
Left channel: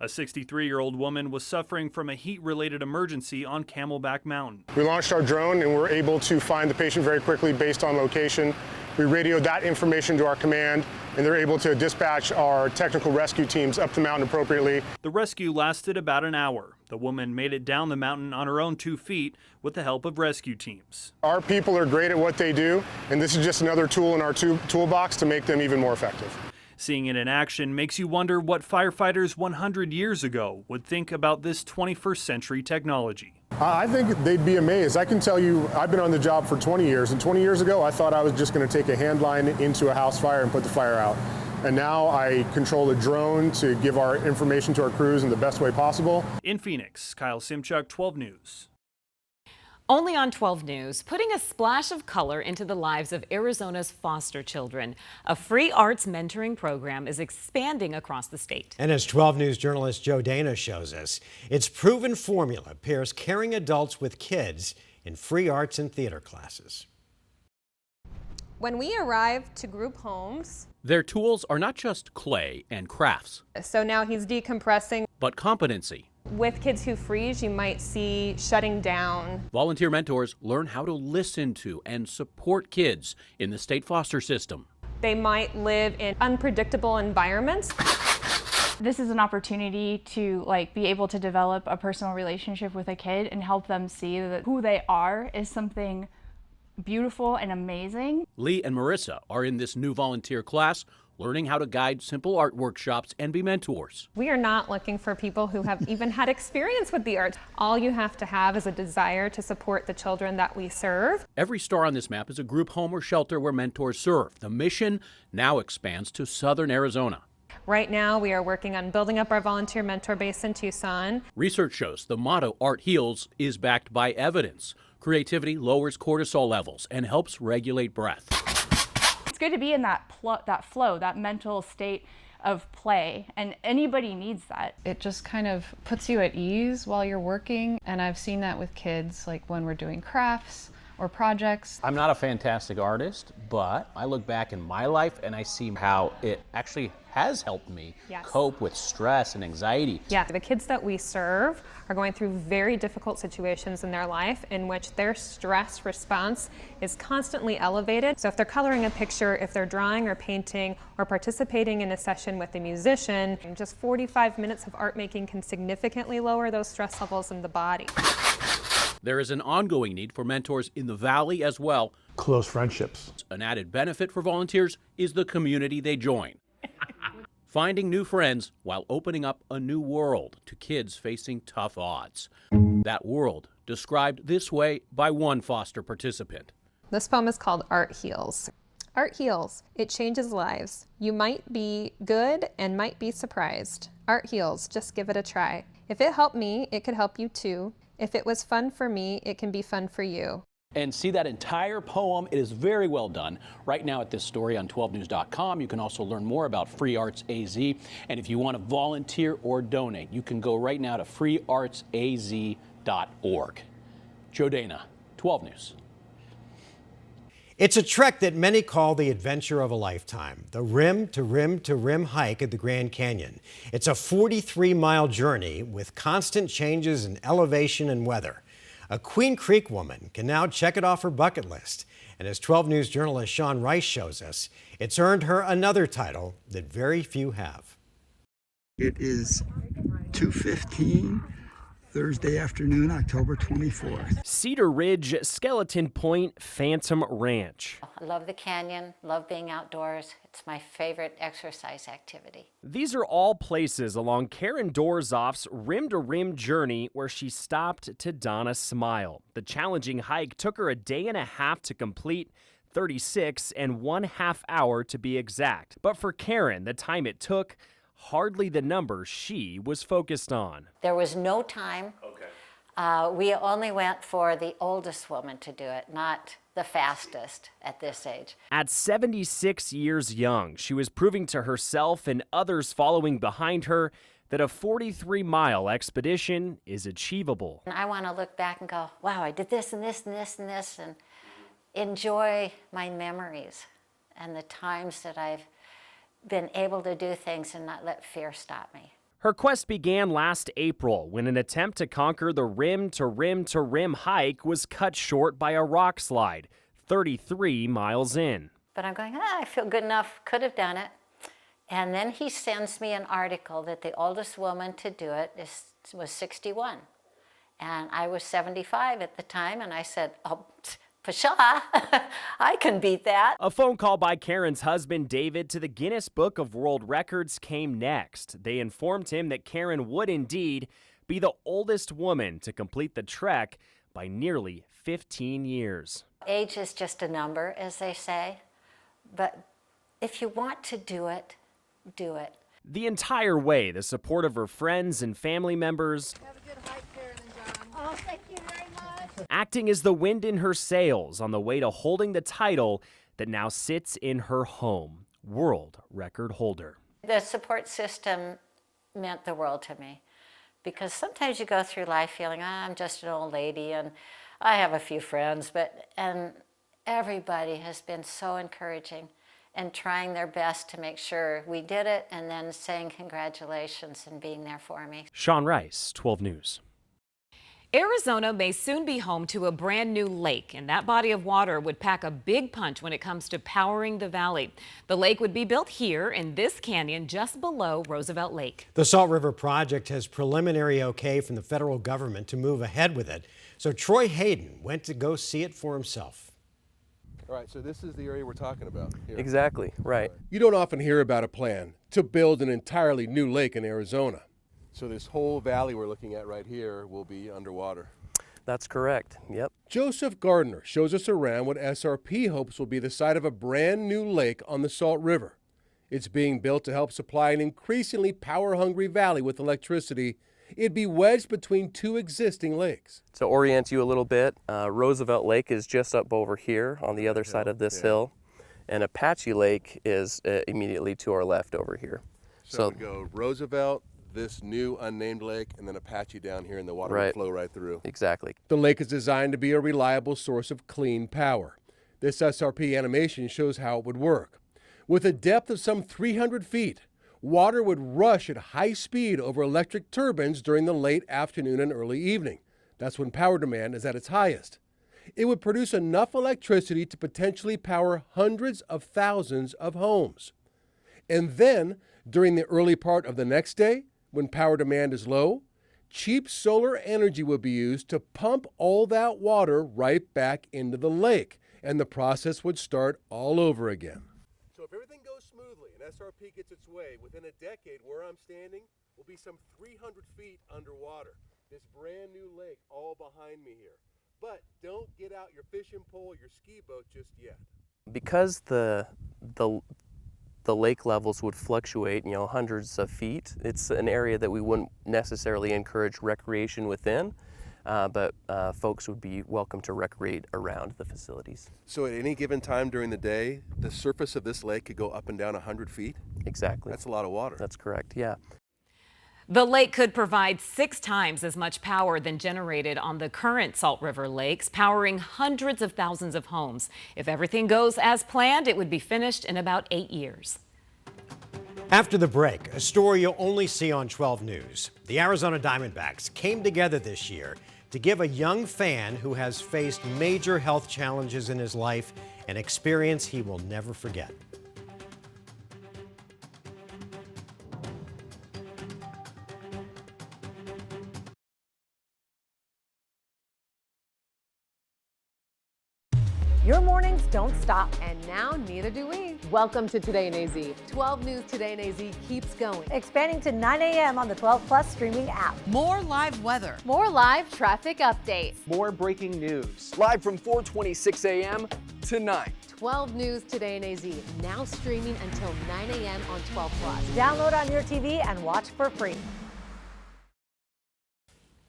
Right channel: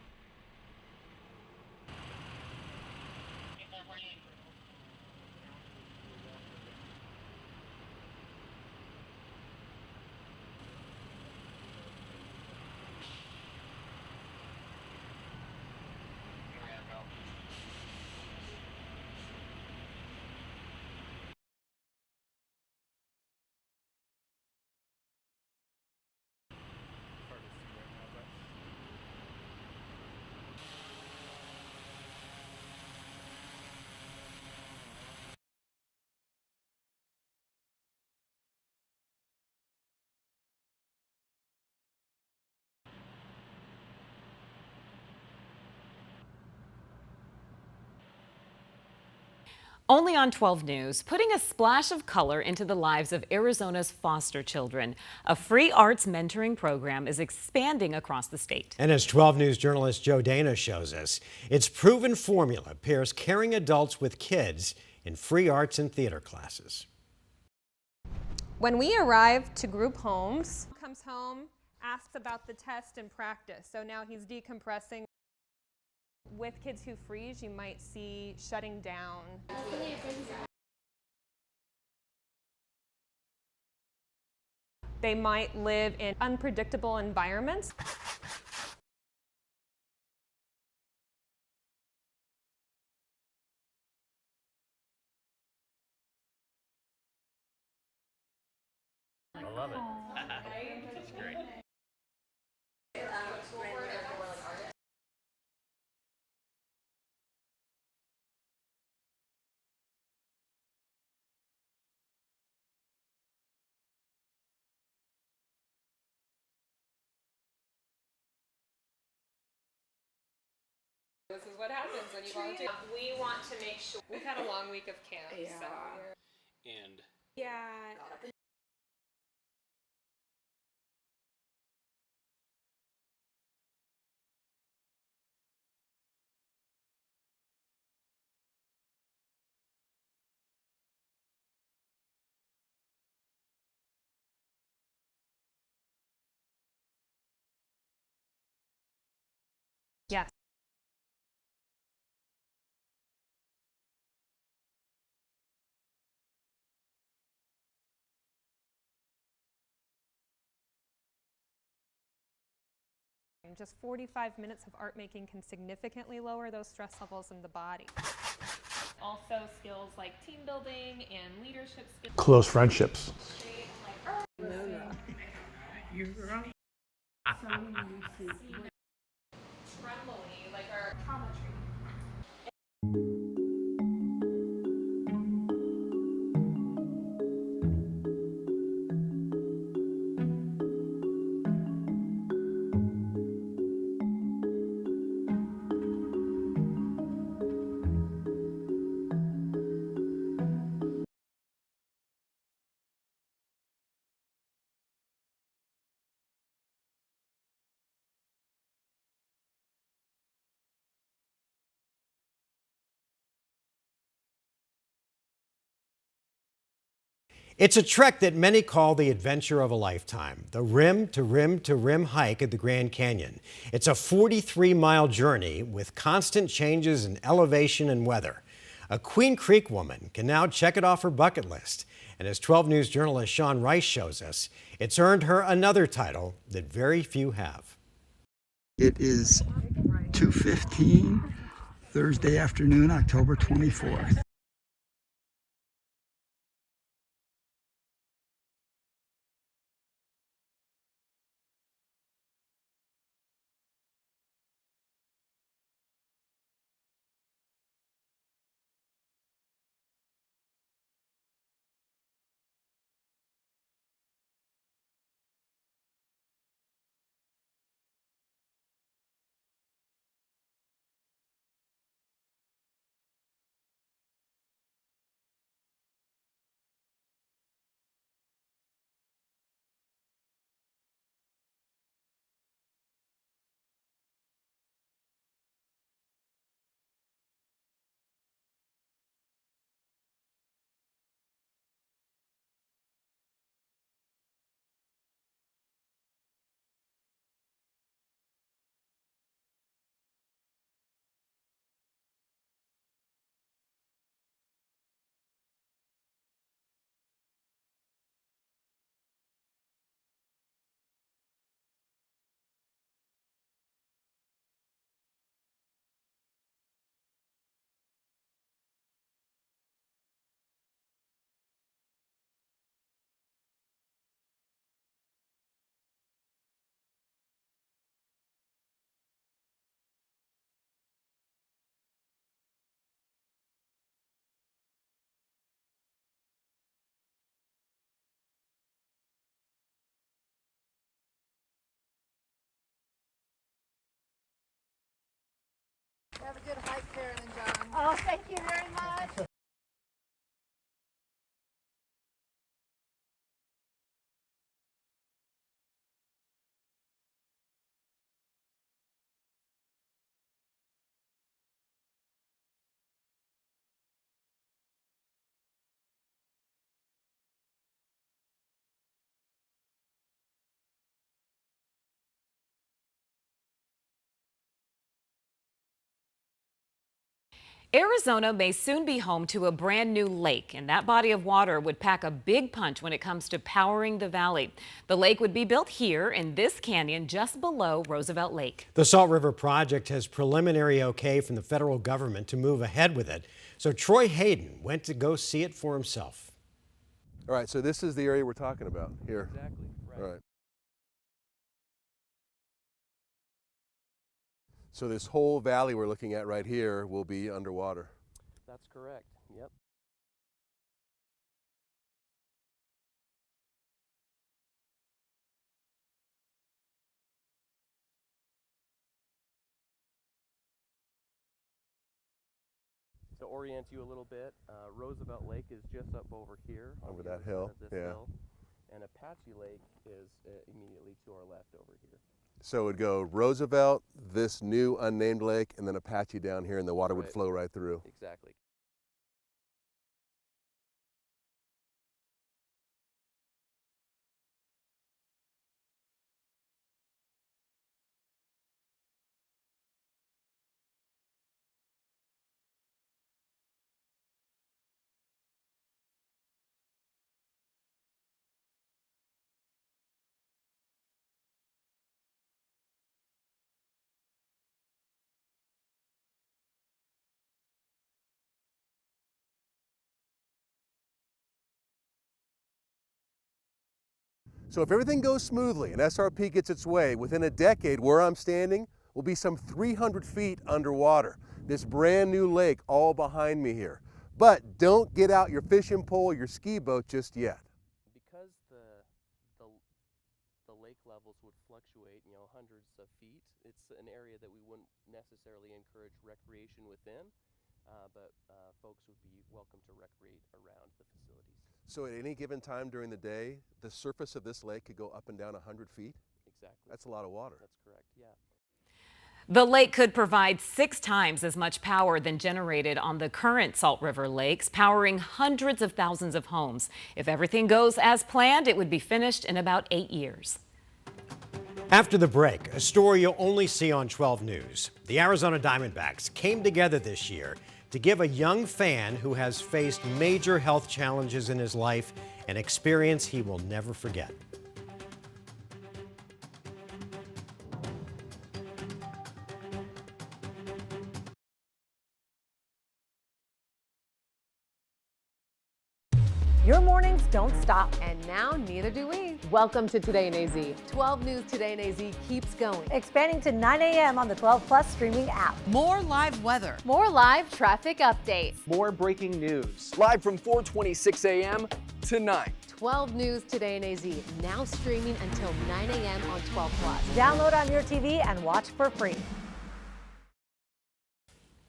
A 63-year-old woman was suffering from a heat-related emergency on Camelback Mountain. We launched our drone and were able to find the patient very quickly based on location. We radioed that information to our command, and they're able to dispatch our technical rescue teams up the mountain appropriately. The rescue lasted about an hour. The woman made it down the mountain on her own 2 feet with the help of rescue teams. Our people are great at what they do, and this is just another tool in our toolbox to make them even more effective. Seeing it in action makes you wonder what firefighters 100 years ago would think about this 21st century technology. I think they'd be amazed. I can tell you, I've been on the job for 20 years, and 20 years ago I thought I was just going to take a hand line into a house fire and put the fire out. And now I control a drone to give our information to our crews in the best way possible. In Phoenix, Kyle Simchuk, 12 News. Only on 12 News, putting a splash of color into the lives of Arizona's foster children. A free arts mentoring program is expanding across the state. And as 12 News journalist Joe Dana shows us, its proven formula pairs caring adults with kids in free arts and theater classes. When we arrive to group homes, their tools are not just clay and crafts. So now he's decompressing. But competency. With kids who freeze, you might see shutting down. Volunteer mentors learn how to listen to and support kids in the state foster system. They might live in unpredictable environments. This is an opportunity to be able to develop a personal relationship with a kid and help them see that who they are is something beautiful and amazing. Lee and Marissa are in this new volunteer class, learning how to guide simple art workshops and be mentors. We are not looking for people who have even had experience with the arts. All you have to have is a desire to support the children that we serve. Every star on this map is a group home or shelter where mentors serve. The mission now expands to southern Arizona. Right now, we are working on building up our volunteer mentor base in Tucson. Research shows the motto, Art Heals, is backed by evidence. Creativity lowers cortisol levels and helps regulate breath. It's good to be in that flow, that mental state of play, and anybody needs that. It just kind of puts you at ease while you're working, and I've seen that with kids, like when we're doing crafts or projects. I'm not a fantastic artist, but I look back in my life and I see how it actually has helped me cope with stress and anxiety. Yeah, the kids that we serve are going through very difficult situations in their life in which their stress response is constantly elevated. So if they're coloring a picture, if they're drawing or painting or participating in a session with a musician, just 45 minutes of art making can significantly lower those stress levels in the body. There is an ongoing need for mentors in the Valley as well. Close friendships. An added benefit for volunteers is the community they join. Finding new friends while opening up a new world to kids facing tough odds. That world described this way by one foster participant. This poem is called Art Heals. Art heals. It changes lives. You might be good and might be surprised. Art heals. Just give it a try. If it helped me, it could help you too. If it was fun for me, it can be fun for you. And see that entire poem. It is very well done. Right now at this story on 12news.com, you can also learn more about Free Arts AZ. And if you want to volunteer or donate, you can go right now to freeartsaz.org. Joe Dana, 12 News. It's a trek that many call the adventure of a lifetime, the rim to rim to rim hike at the Grand Canyon. It's a 43-mile journey with constant changes in elevation and weather. A Queen Creek woman can now check it off her bucket list. And as 12 News journalist Sean Rice shows us, it's earned her another title that very few have. It is 2:15. Thursday afternoon, October 24th. Cedar Ridge, Skeleton Point, Phantom Ranch. I love the canyon, love being outdoors. It's my favorite exercise activity. These are all places along Karen Dorzoff's rim-to-rim journey where she stopped to don a smile. The challenging hike took her a day and a half to complete, 36 and 1/2 hours to be exact. But for Karen, the time it took, hardly the number she was focused on. There was no time. We only went for the oldest woman to do it, not the fastest at this age. At 76 years young, she was proving to herself and others following behind her that a 43-mile expedition is achievable. And I want to look back and go, wow, I did this and this and this and this, and enjoy my memories and the times that I've been able to do things and not let fear stop me. Her quest began last April when an attempt to conquer the rim to rim to rim hike was cut short by a rock slide, 33 miles in. But I'm going, I feel good enough, could have done it. And then he sends me an article that the oldest woman to do it was 61. And I was 75 at the time, and I said, oh, Pshaw, I can beat that. A phone call by Karen's husband, David, to the Guinness Book of World Records came next. They informed him that Karen would indeed be the oldest woman to complete the trek by nearly 15 years. Age is just a number, as they say, but if you want to do it, do it. The entire way, the support of her friends and family members, Have a good hike, Karen and John. Oh, thank you very much. acting as the wind in her sails on the way to holding the title that now sits in her home, world record holder. The support system meant the world to me, because sometimes you go through life feeling, I'm just an old lady and I have a few friends, and everybody has been so encouraging and trying their best to make sure we did it, and then saying congratulations and being there for me. Sean Rice, 12 News. Arizona may soon be home to a brand new lake, and that body of water would pack a big punch when it comes to powering the valley. The lake would be built here in this canyon just below Roosevelt Lake. The Salt River Project has preliminary okay from the federal government to move ahead with it. So Troy Hayden went to go see it for himself. All right, so this is the area we're talking about here. Exactly, right. You don't often hear about a plan to build an entirely new lake in Arizona. So this whole valley we're looking at right here will be underwater. That's correct, yep. Joseph Gardner shows us around what SRP hopes will be the site of a brand new lake on the Salt River. It's being built to help supply an increasingly power-hungry valley with electricity It'd be wedged between two existing lakes. To orient you a little bit, Roosevelt Lake is just up over here on the other side of this hill, and Apache Lake is immediately to our left over here. So it would go Roosevelt, this new unnamed lake, and then Apache down here, and the water would flow right through. Exactly. The lake is designed to be a reliable source of clean power. This SRP animation shows how it would work. With a depth of some 300 feet, water would rush at high speed over electric turbines during the late afternoon and early evening. That's when power demand is at its highest. It would produce enough electricity to potentially power hundreds of thousands of homes. And then, during the early part of the next day, when power demand is low, cheap solar energy would be used to pump all that water right back into the lake, and the process would start all over again. So if everything goes smoothly and SRP gets its way, within a decade where I'm standing will be some 300 feet underwater. This brand new lake all behind me here. But don't get out your fishing pole or your ski boat just yet. Because the lake levels would fluctuate, hundreds of feet, it's an area that we wouldn't necessarily encourage recreation within. But folks would be welcome to recreate around the facilities. So at any given time during the day, the surface of this lake could go up and down 100 feet? Exactly. That's a lot of water. That's correct, yeah. The lake could provide 6 times as much power than generated on the current Salt River lakes, powering hundreds of thousands of homes. If everything goes as planned, it would be finished in about 8 years. After the break, a story you'll only see on 12 News. The Arizona Diamondbacks came together this year to give a young fan who has faced major health challenges in his life an experience he will never forget. Your mornings don't stop, and now neither do we. Welcome to Today in AZ. 12 News Today in AZ keeps going. Expanding to 9 a.m. on the 12 Plus streaming app. More live weather. More live traffic updates. More breaking news. Live from 4:26 a.m. to 9. 12 News Today in AZ, now streaming until 9 a.m. on 12 Plus. Download on your TV and watch for free.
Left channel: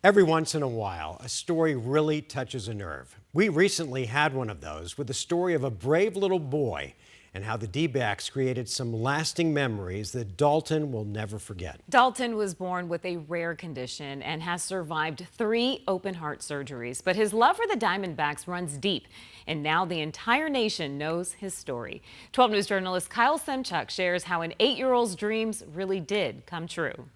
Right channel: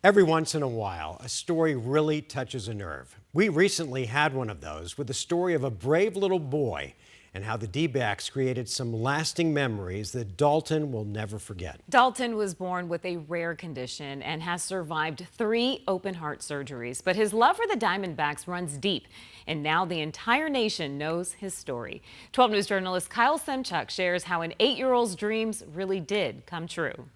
Every once in a while, a story really touches a nerve. We recently had one of those with the story of a brave little boy and how the D-backs created some lasting memories that Dalton will never forget. Dalton was born with a rare condition and has survived 3 open heart surgeries, but his love for the Diamondbacks runs deep, and now the entire nation knows his story. 12 News journalist Kyle Semchuk shares how an 8-year-old's dreams really did come true.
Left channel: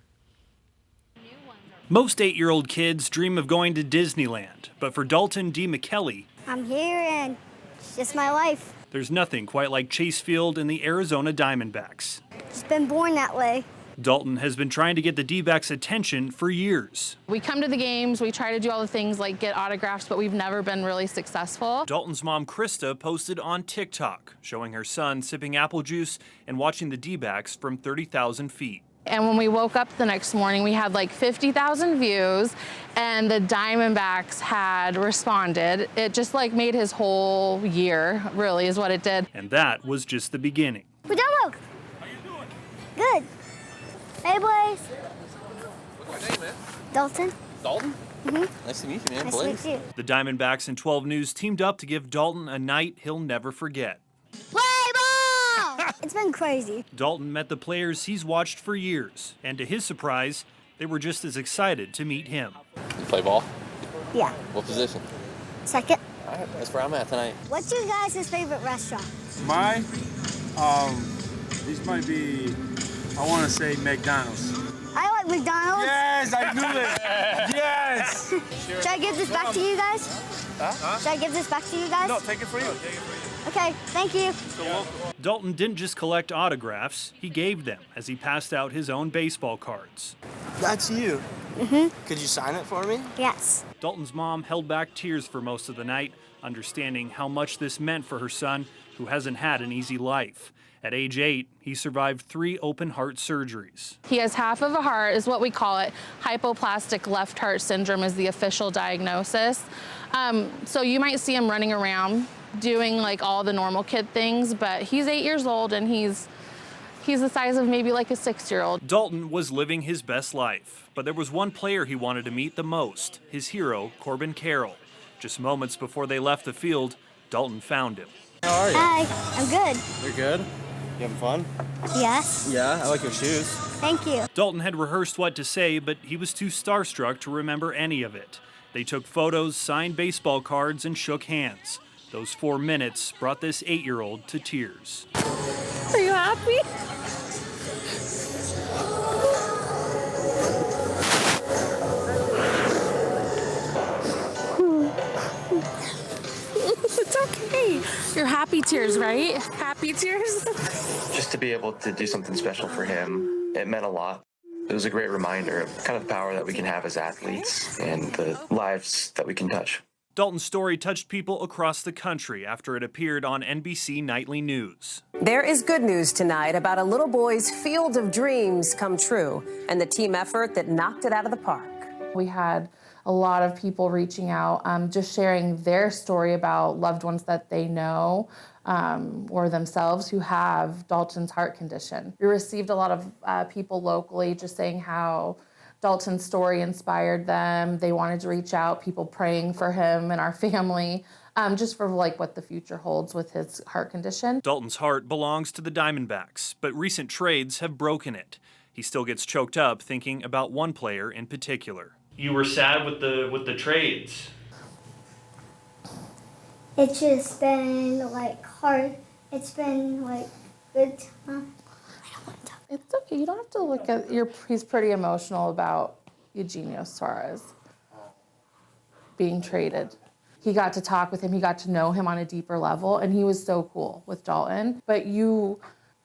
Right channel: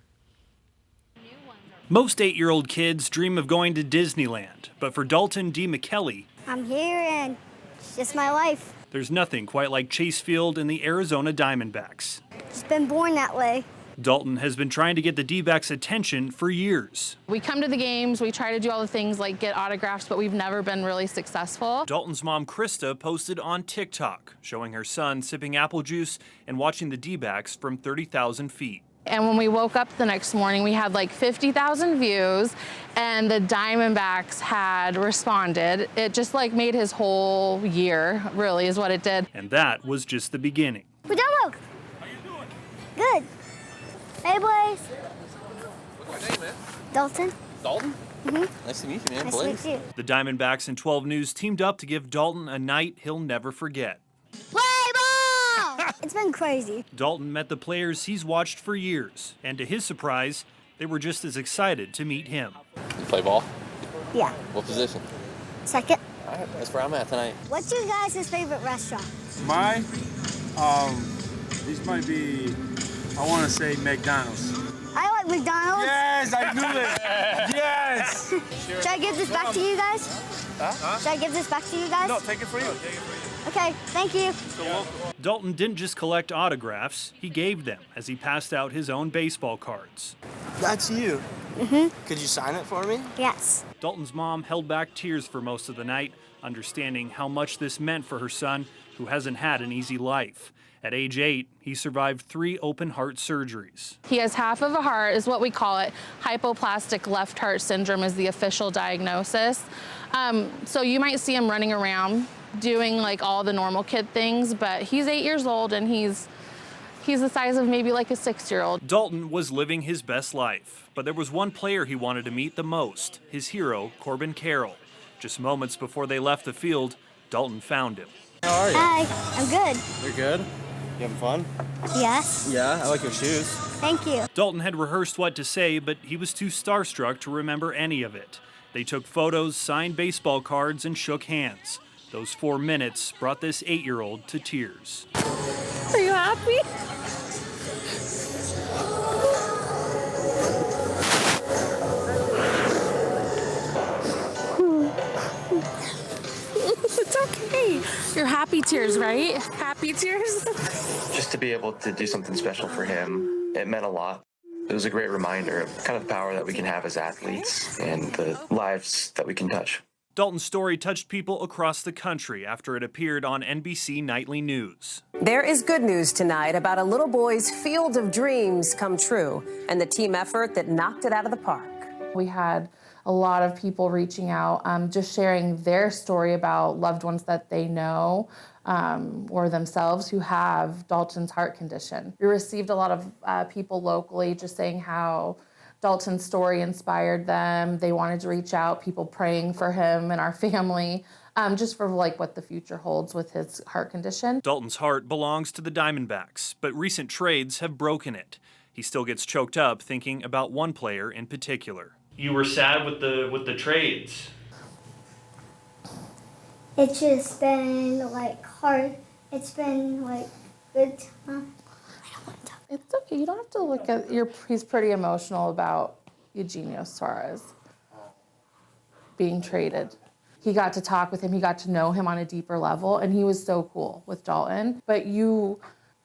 Most 8-year-old kids dream of going to Disneyland, but for Dalton D. McKelly, I'm here and it's just my life. there's nothing quite like Chase Field and the Arizona Diamondbacks. Just been born that way. Dalton has been trying to get the D-backs' attention for years. We come to the games, we try to do all the things like get autographs, but we've never been really successful. Dalton's mom, Krista, posted on TikTok, showing her son sipping apple juice and watching the D-backs from 30,000 feet. And when we woke up the next morning, we had like 50,000 views, and the Diamondbacks had responded. It just like made his whole year, really, is what it did. And that was just the beginning. How you doing? Good. Hey, boys. What's your name, man? Dalton. Dalton? Mm-hmm. Nice to meet you, man. Nice to Blaze. meet you. The Diamondbacks and 12 News teamed up to give Dalton a night he'll never forget. Play ball! It's been crazy. Dalton met the players he's watched for years, and to his surprise, they were just as excited to meet him. You play ball? Yeah. What position? Second. All right, that's where I'm at tonight. What's your guys' favorite restaurant? Mine? These might be, I want to say McDonald's. I like McDonald's. Yes, I knew it. Yes. Should I give this back to you guys? Huh? Should I give this back to you guys? No, take it for you. Okay, thank you. Dalton didn't just collect autographs, he gave them as he passed out his own baseball cards. That's you. Mm-hmm. Could you sign it for me? Yes. Dalton's mom held back tears for most of the night, understanding how much this meant for her son, who hasn't had an easy life. At age 8, he survived 3 open heart surgeries. He has half of a heart, is what we call it. Hypoplastic left heart syndrome is the official diagnosis. So you might see him running around doing like all the normal kid things, but he's 8 years old and he's He's the size of maybe like a 6-year-old. Dalton was living his best life, but there was one player he wanted to meet the most, his hero, Corbin Carroll. Just moments before they left the field, Dalton found him. How are you? Hi, I'm good. You're good? You having fun? Yes. Yeah, I like your shoes. Thank you. Dalton had rehearsed what to say, but he was too starstruck to remember any of it. They took photos, signed baseball cards, and shook hands. Those 4 minutes brought this 8-year-old to tears. Are you happy? It's okay. You're happy tears, right? Happy tears? Just to be able to do something special for him, it meant a lot. It was a great reminder of kind of the power that we can have as athletes and the lives that we can touch. Dalton's story touched people across the country after it appeared on NBC Nightly News. There is good news tonight about a little boy's field of dreams come true and the team effort that knocked it out of the park. We had a lot of people reaching out, just sharing their story about loved ones that they know or themselves who have Dalton's heart condition. We received a lot of people locally just saying how Dalton's story inspired them. They wanted to reach out, people praying for him and our family, just for like what the future holds with his heart condition. Dalton's heart belongs to the Diamondbacks, but recent trades have broken it. He still gets choked up thinking about one player in particular. You were sad with the trades. It's just been like hard. It's been like good time. It's okay. You don't have to look at he's pretty emotional about Eugenio Suarez being traded. He got to talk with him. He got to know him on a deeper level, and he was so cool with Dalton. But you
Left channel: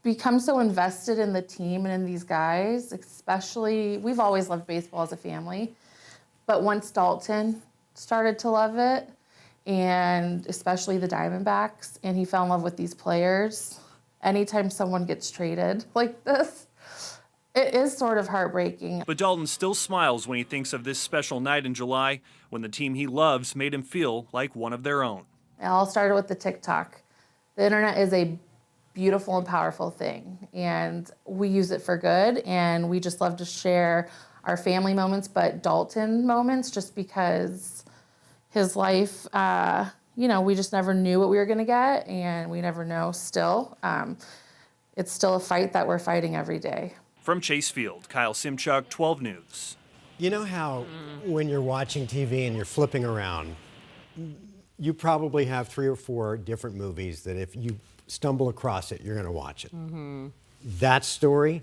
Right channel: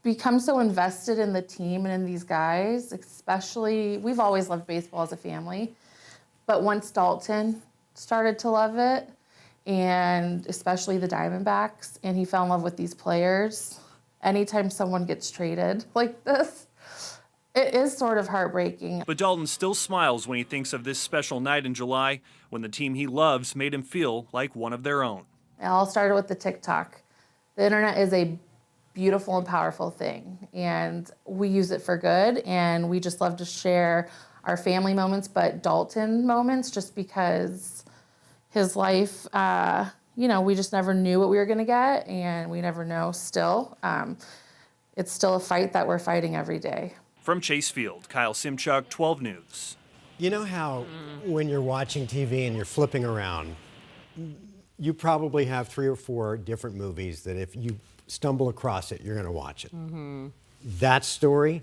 become so invested in the team and in these guys, especially, we've always loved baseball as a family, but once Dalton started to love it, and especially the Diamondbacks, and he fell in love with these players, anytime someone gets traded like this, it is sort of heartbreaking. But Dalton still smiles when he thinks of this special night in July when the team he loves made him feel like one of their own. It all started with the TikTok. The internet is a beautiful and powerful thing, and we use it for good, and we just love to share our family moments, but Dalton moments, just because his life, we just never knew what we were gonna get, and we never know still. It's still a fight that we're fighting every day. From Chase Field, Kyle Simchuk, 12 News. You know how when you're watching TV and you're flipping around, you probably have 3 or 4 different movies that if you stumble across it, you're going to watch it. Mm-hmm. That story,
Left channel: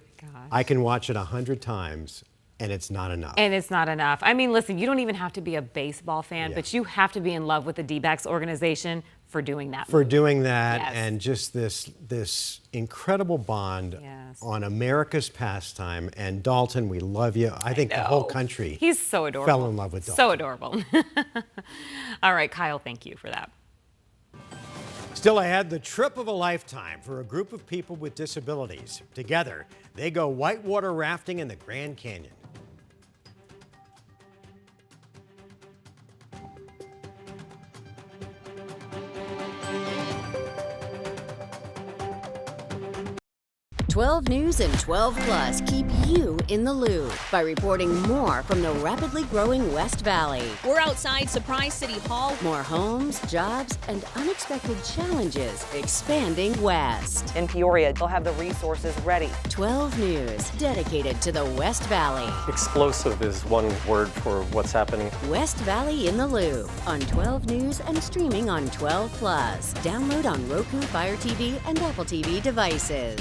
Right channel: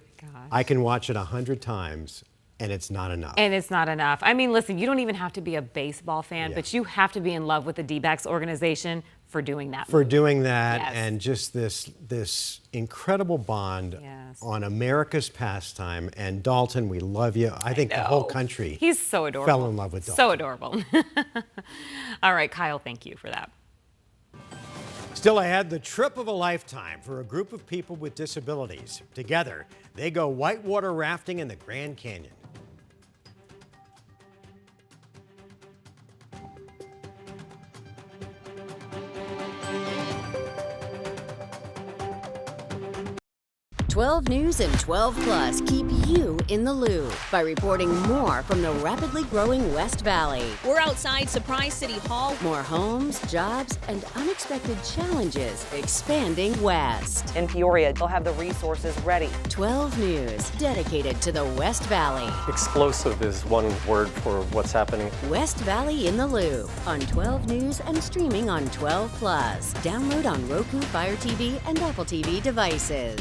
I can watch it 100 times, and it's not enough. And it's not enough. I mean, listen, you don't even have to be a baseball fan, but you have to be in love with the D-backs organization for doing that. For doing that, and just this incredible bond on America's pastime. And Dalton, we love you. I think the whole country He's so adorable. fell in love with Dalton. So adorable. All right, Kyle, thank you for that. Still ahead, the trip of a lifetime for a group of people with disabilities. Together, they go whitewater rafting in the Grand Canyon. .12 News and 12 Plus keep you in the loop by reporting more from the rapidly growing West Valley. We're outside Surprise City Hall. More homes, jobs, and unexpected challenges expanding west. In Peoria, they'll have the resources ready. 12 News, dedicated to the West Valley. Explosive is one word for what's happening. West Valley in the Loop on 12 News and streaming on 12 Plus. Download on Roku, Fire TV, and Apple TV devices.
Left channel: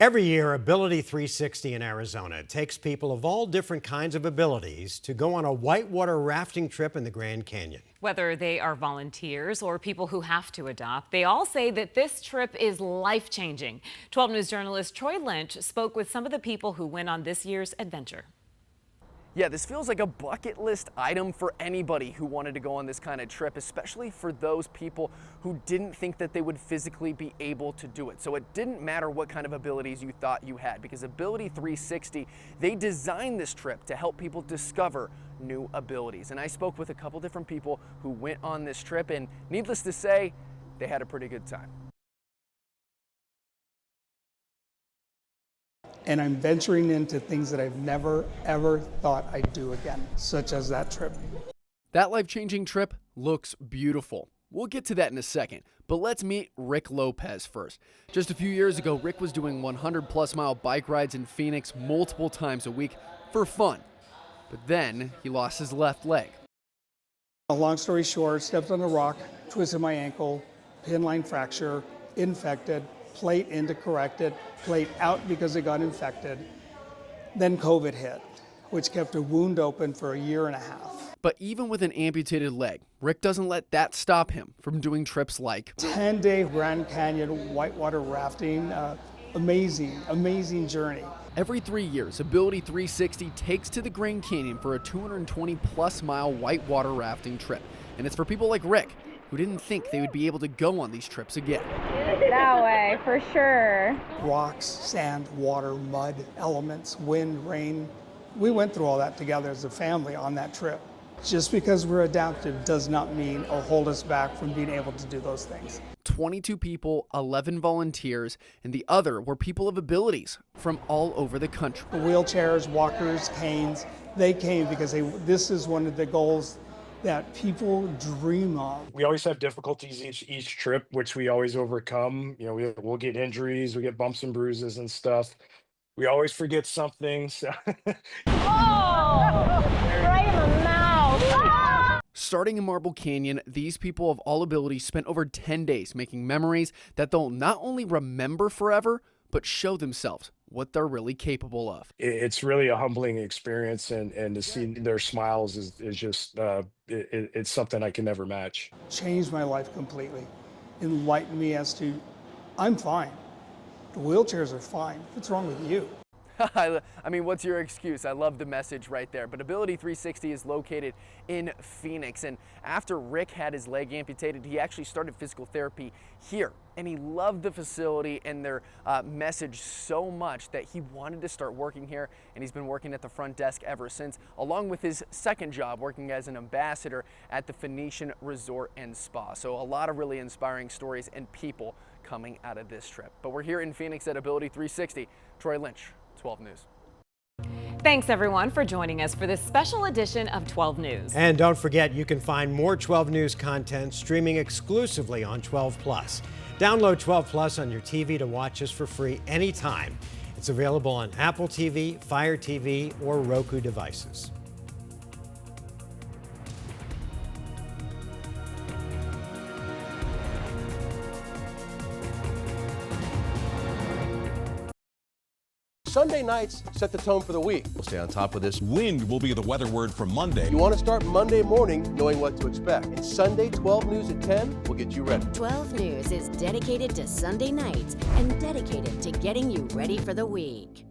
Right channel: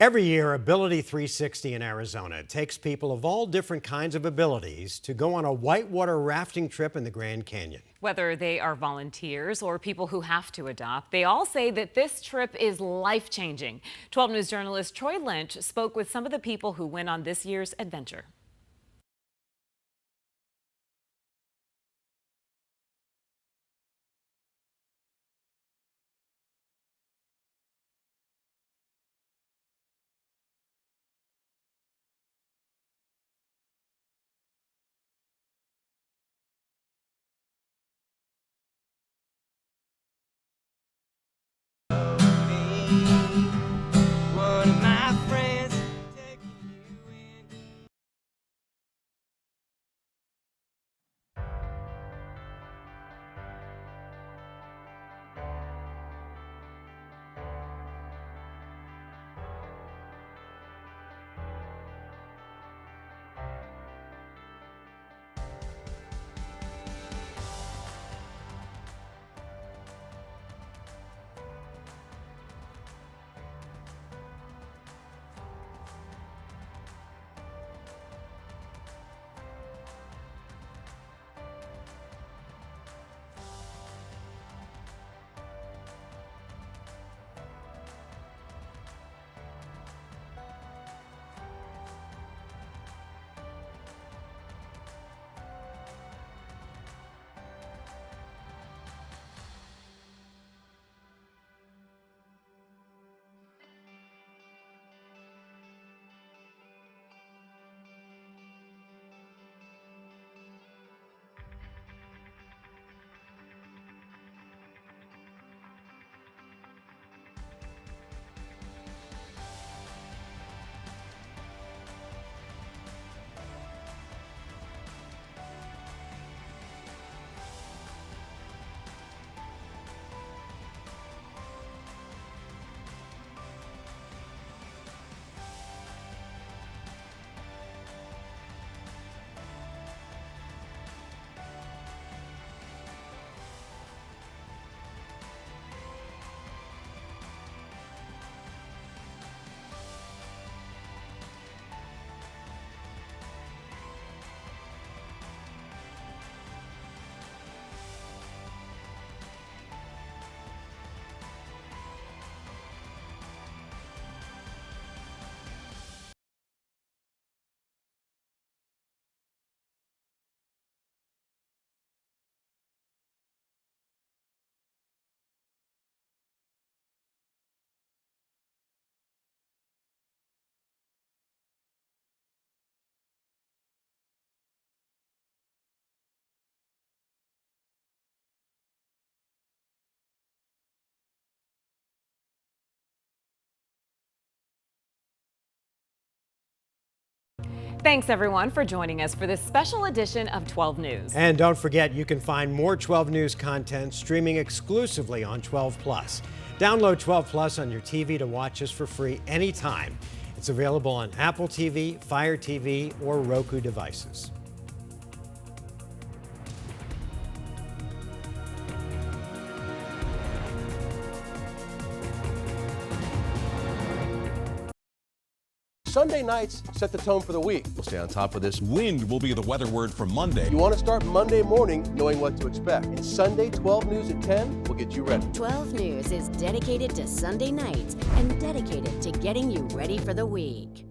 Every year, Ability 360 in Arizona takes people of all different kinds of abilities to go on a whitewater rafting trip in the Grand Canyon. Whether they are volunteers or people who have to adopt, they all say that this trip is life-changing. 12 News journalist Troy Lynch spoke with some of the people who went on this year's adventure. Yeah, this feels like a bucket list item for anybody who wanted to go on this kind of trip, especially for those people who didn't think that they would physically be able to do it. So it didn't matter what kind of abilities you thought you had, because Ability 360, they designed this trip to help people discover new abilities. And I spoke with a couple different people who went on this trip, and needless to say, they had a pretty good time. and I'm venturing into things that I've never, ever thought I'd do again, such as that trip. That life-changing trip looks beautiful. We'll get to that in a second, but let's meet Rick Lopez first. Just a few years ago, Rick was doing 100-plus mile bike rides in Phoenix multiple times a week for fun. But then he lost his left leg. A long story short, stepped on a rock, twisted my ankle, pin line fracture, infected, plate in to correct it, plate out because it got infected. Then COVID hit, which kept a wound open for a year and a half. But even with an amputated leg, Rick doesn't let that stop him from doing trips like 10-day Grand Canyon whitewater rafting. Amazing, amazing journey. Every 3 years, Ability 360 takes to the Grand Canyon for a 220-plus mile whitewater rafting trip. And it's for people like Rick, who didn't think they would be able to go on these trips again. That way, for sure. Rocks, sand, water, mud, elements, wind, rain. We went through all that together as a family on that trip. Just because we're adaptive does not mean or hold us back from being able to do those things. 22 people, 11 volunteers, and the other were people of abilities from all over the country. Wheelchairs, walkers, canes, they came because this is one of the goals that people dream of. We always have difficulties each trip, which we always overcome. You know, we'll get injuries, we get bumps and bruises and stuff. We always forget something. So. Oh, right in the mouth. Starting in Marble Canyon, these people of all abilities spent over 10 days making memories that they'll not only remember forever, but show themselves what they're really capable of. It's really a humbling experience, and to see their smiles is just, it's something I can never match. Changed my life completely. Enlightened me as to, I'm fine. The wheelchairs are fine. What's wrong with you? I mean, what's your excuse? I love the message right there. But Ability 360 is located in Phoenix. And after Rick had his leg amputated, he actually started physical therapy here. And he loved the facility and their message so much that he wanted to start working here. And he's been working at the front desk ever since, along with his second job working as an ambassador at the Phoenician Resort and Spa. So a lot of really inspiring stories and people coming out of this trip. But we're here in Phoenix at Ability 360. Troy Lynch, 12 News. Thanks everyone for joining us for this special edition of 12 News. And don't forget, you can find more 12 News content streaming exclusively on 12 Plus. Download 12 Plus on your TV to watch us for free anytime. It's available on Apple TV, Fire TV, or Roku devices. Sunday nights set the tone for the week. We'll stay on top of this. Wind will be the weather word for Monday. You want to start Monday morning knowing what to expect. And Sunday 12 News at 10 will get you ready. 12 News is dedicated to Sunday nights and dedicated to getting you ready for the week.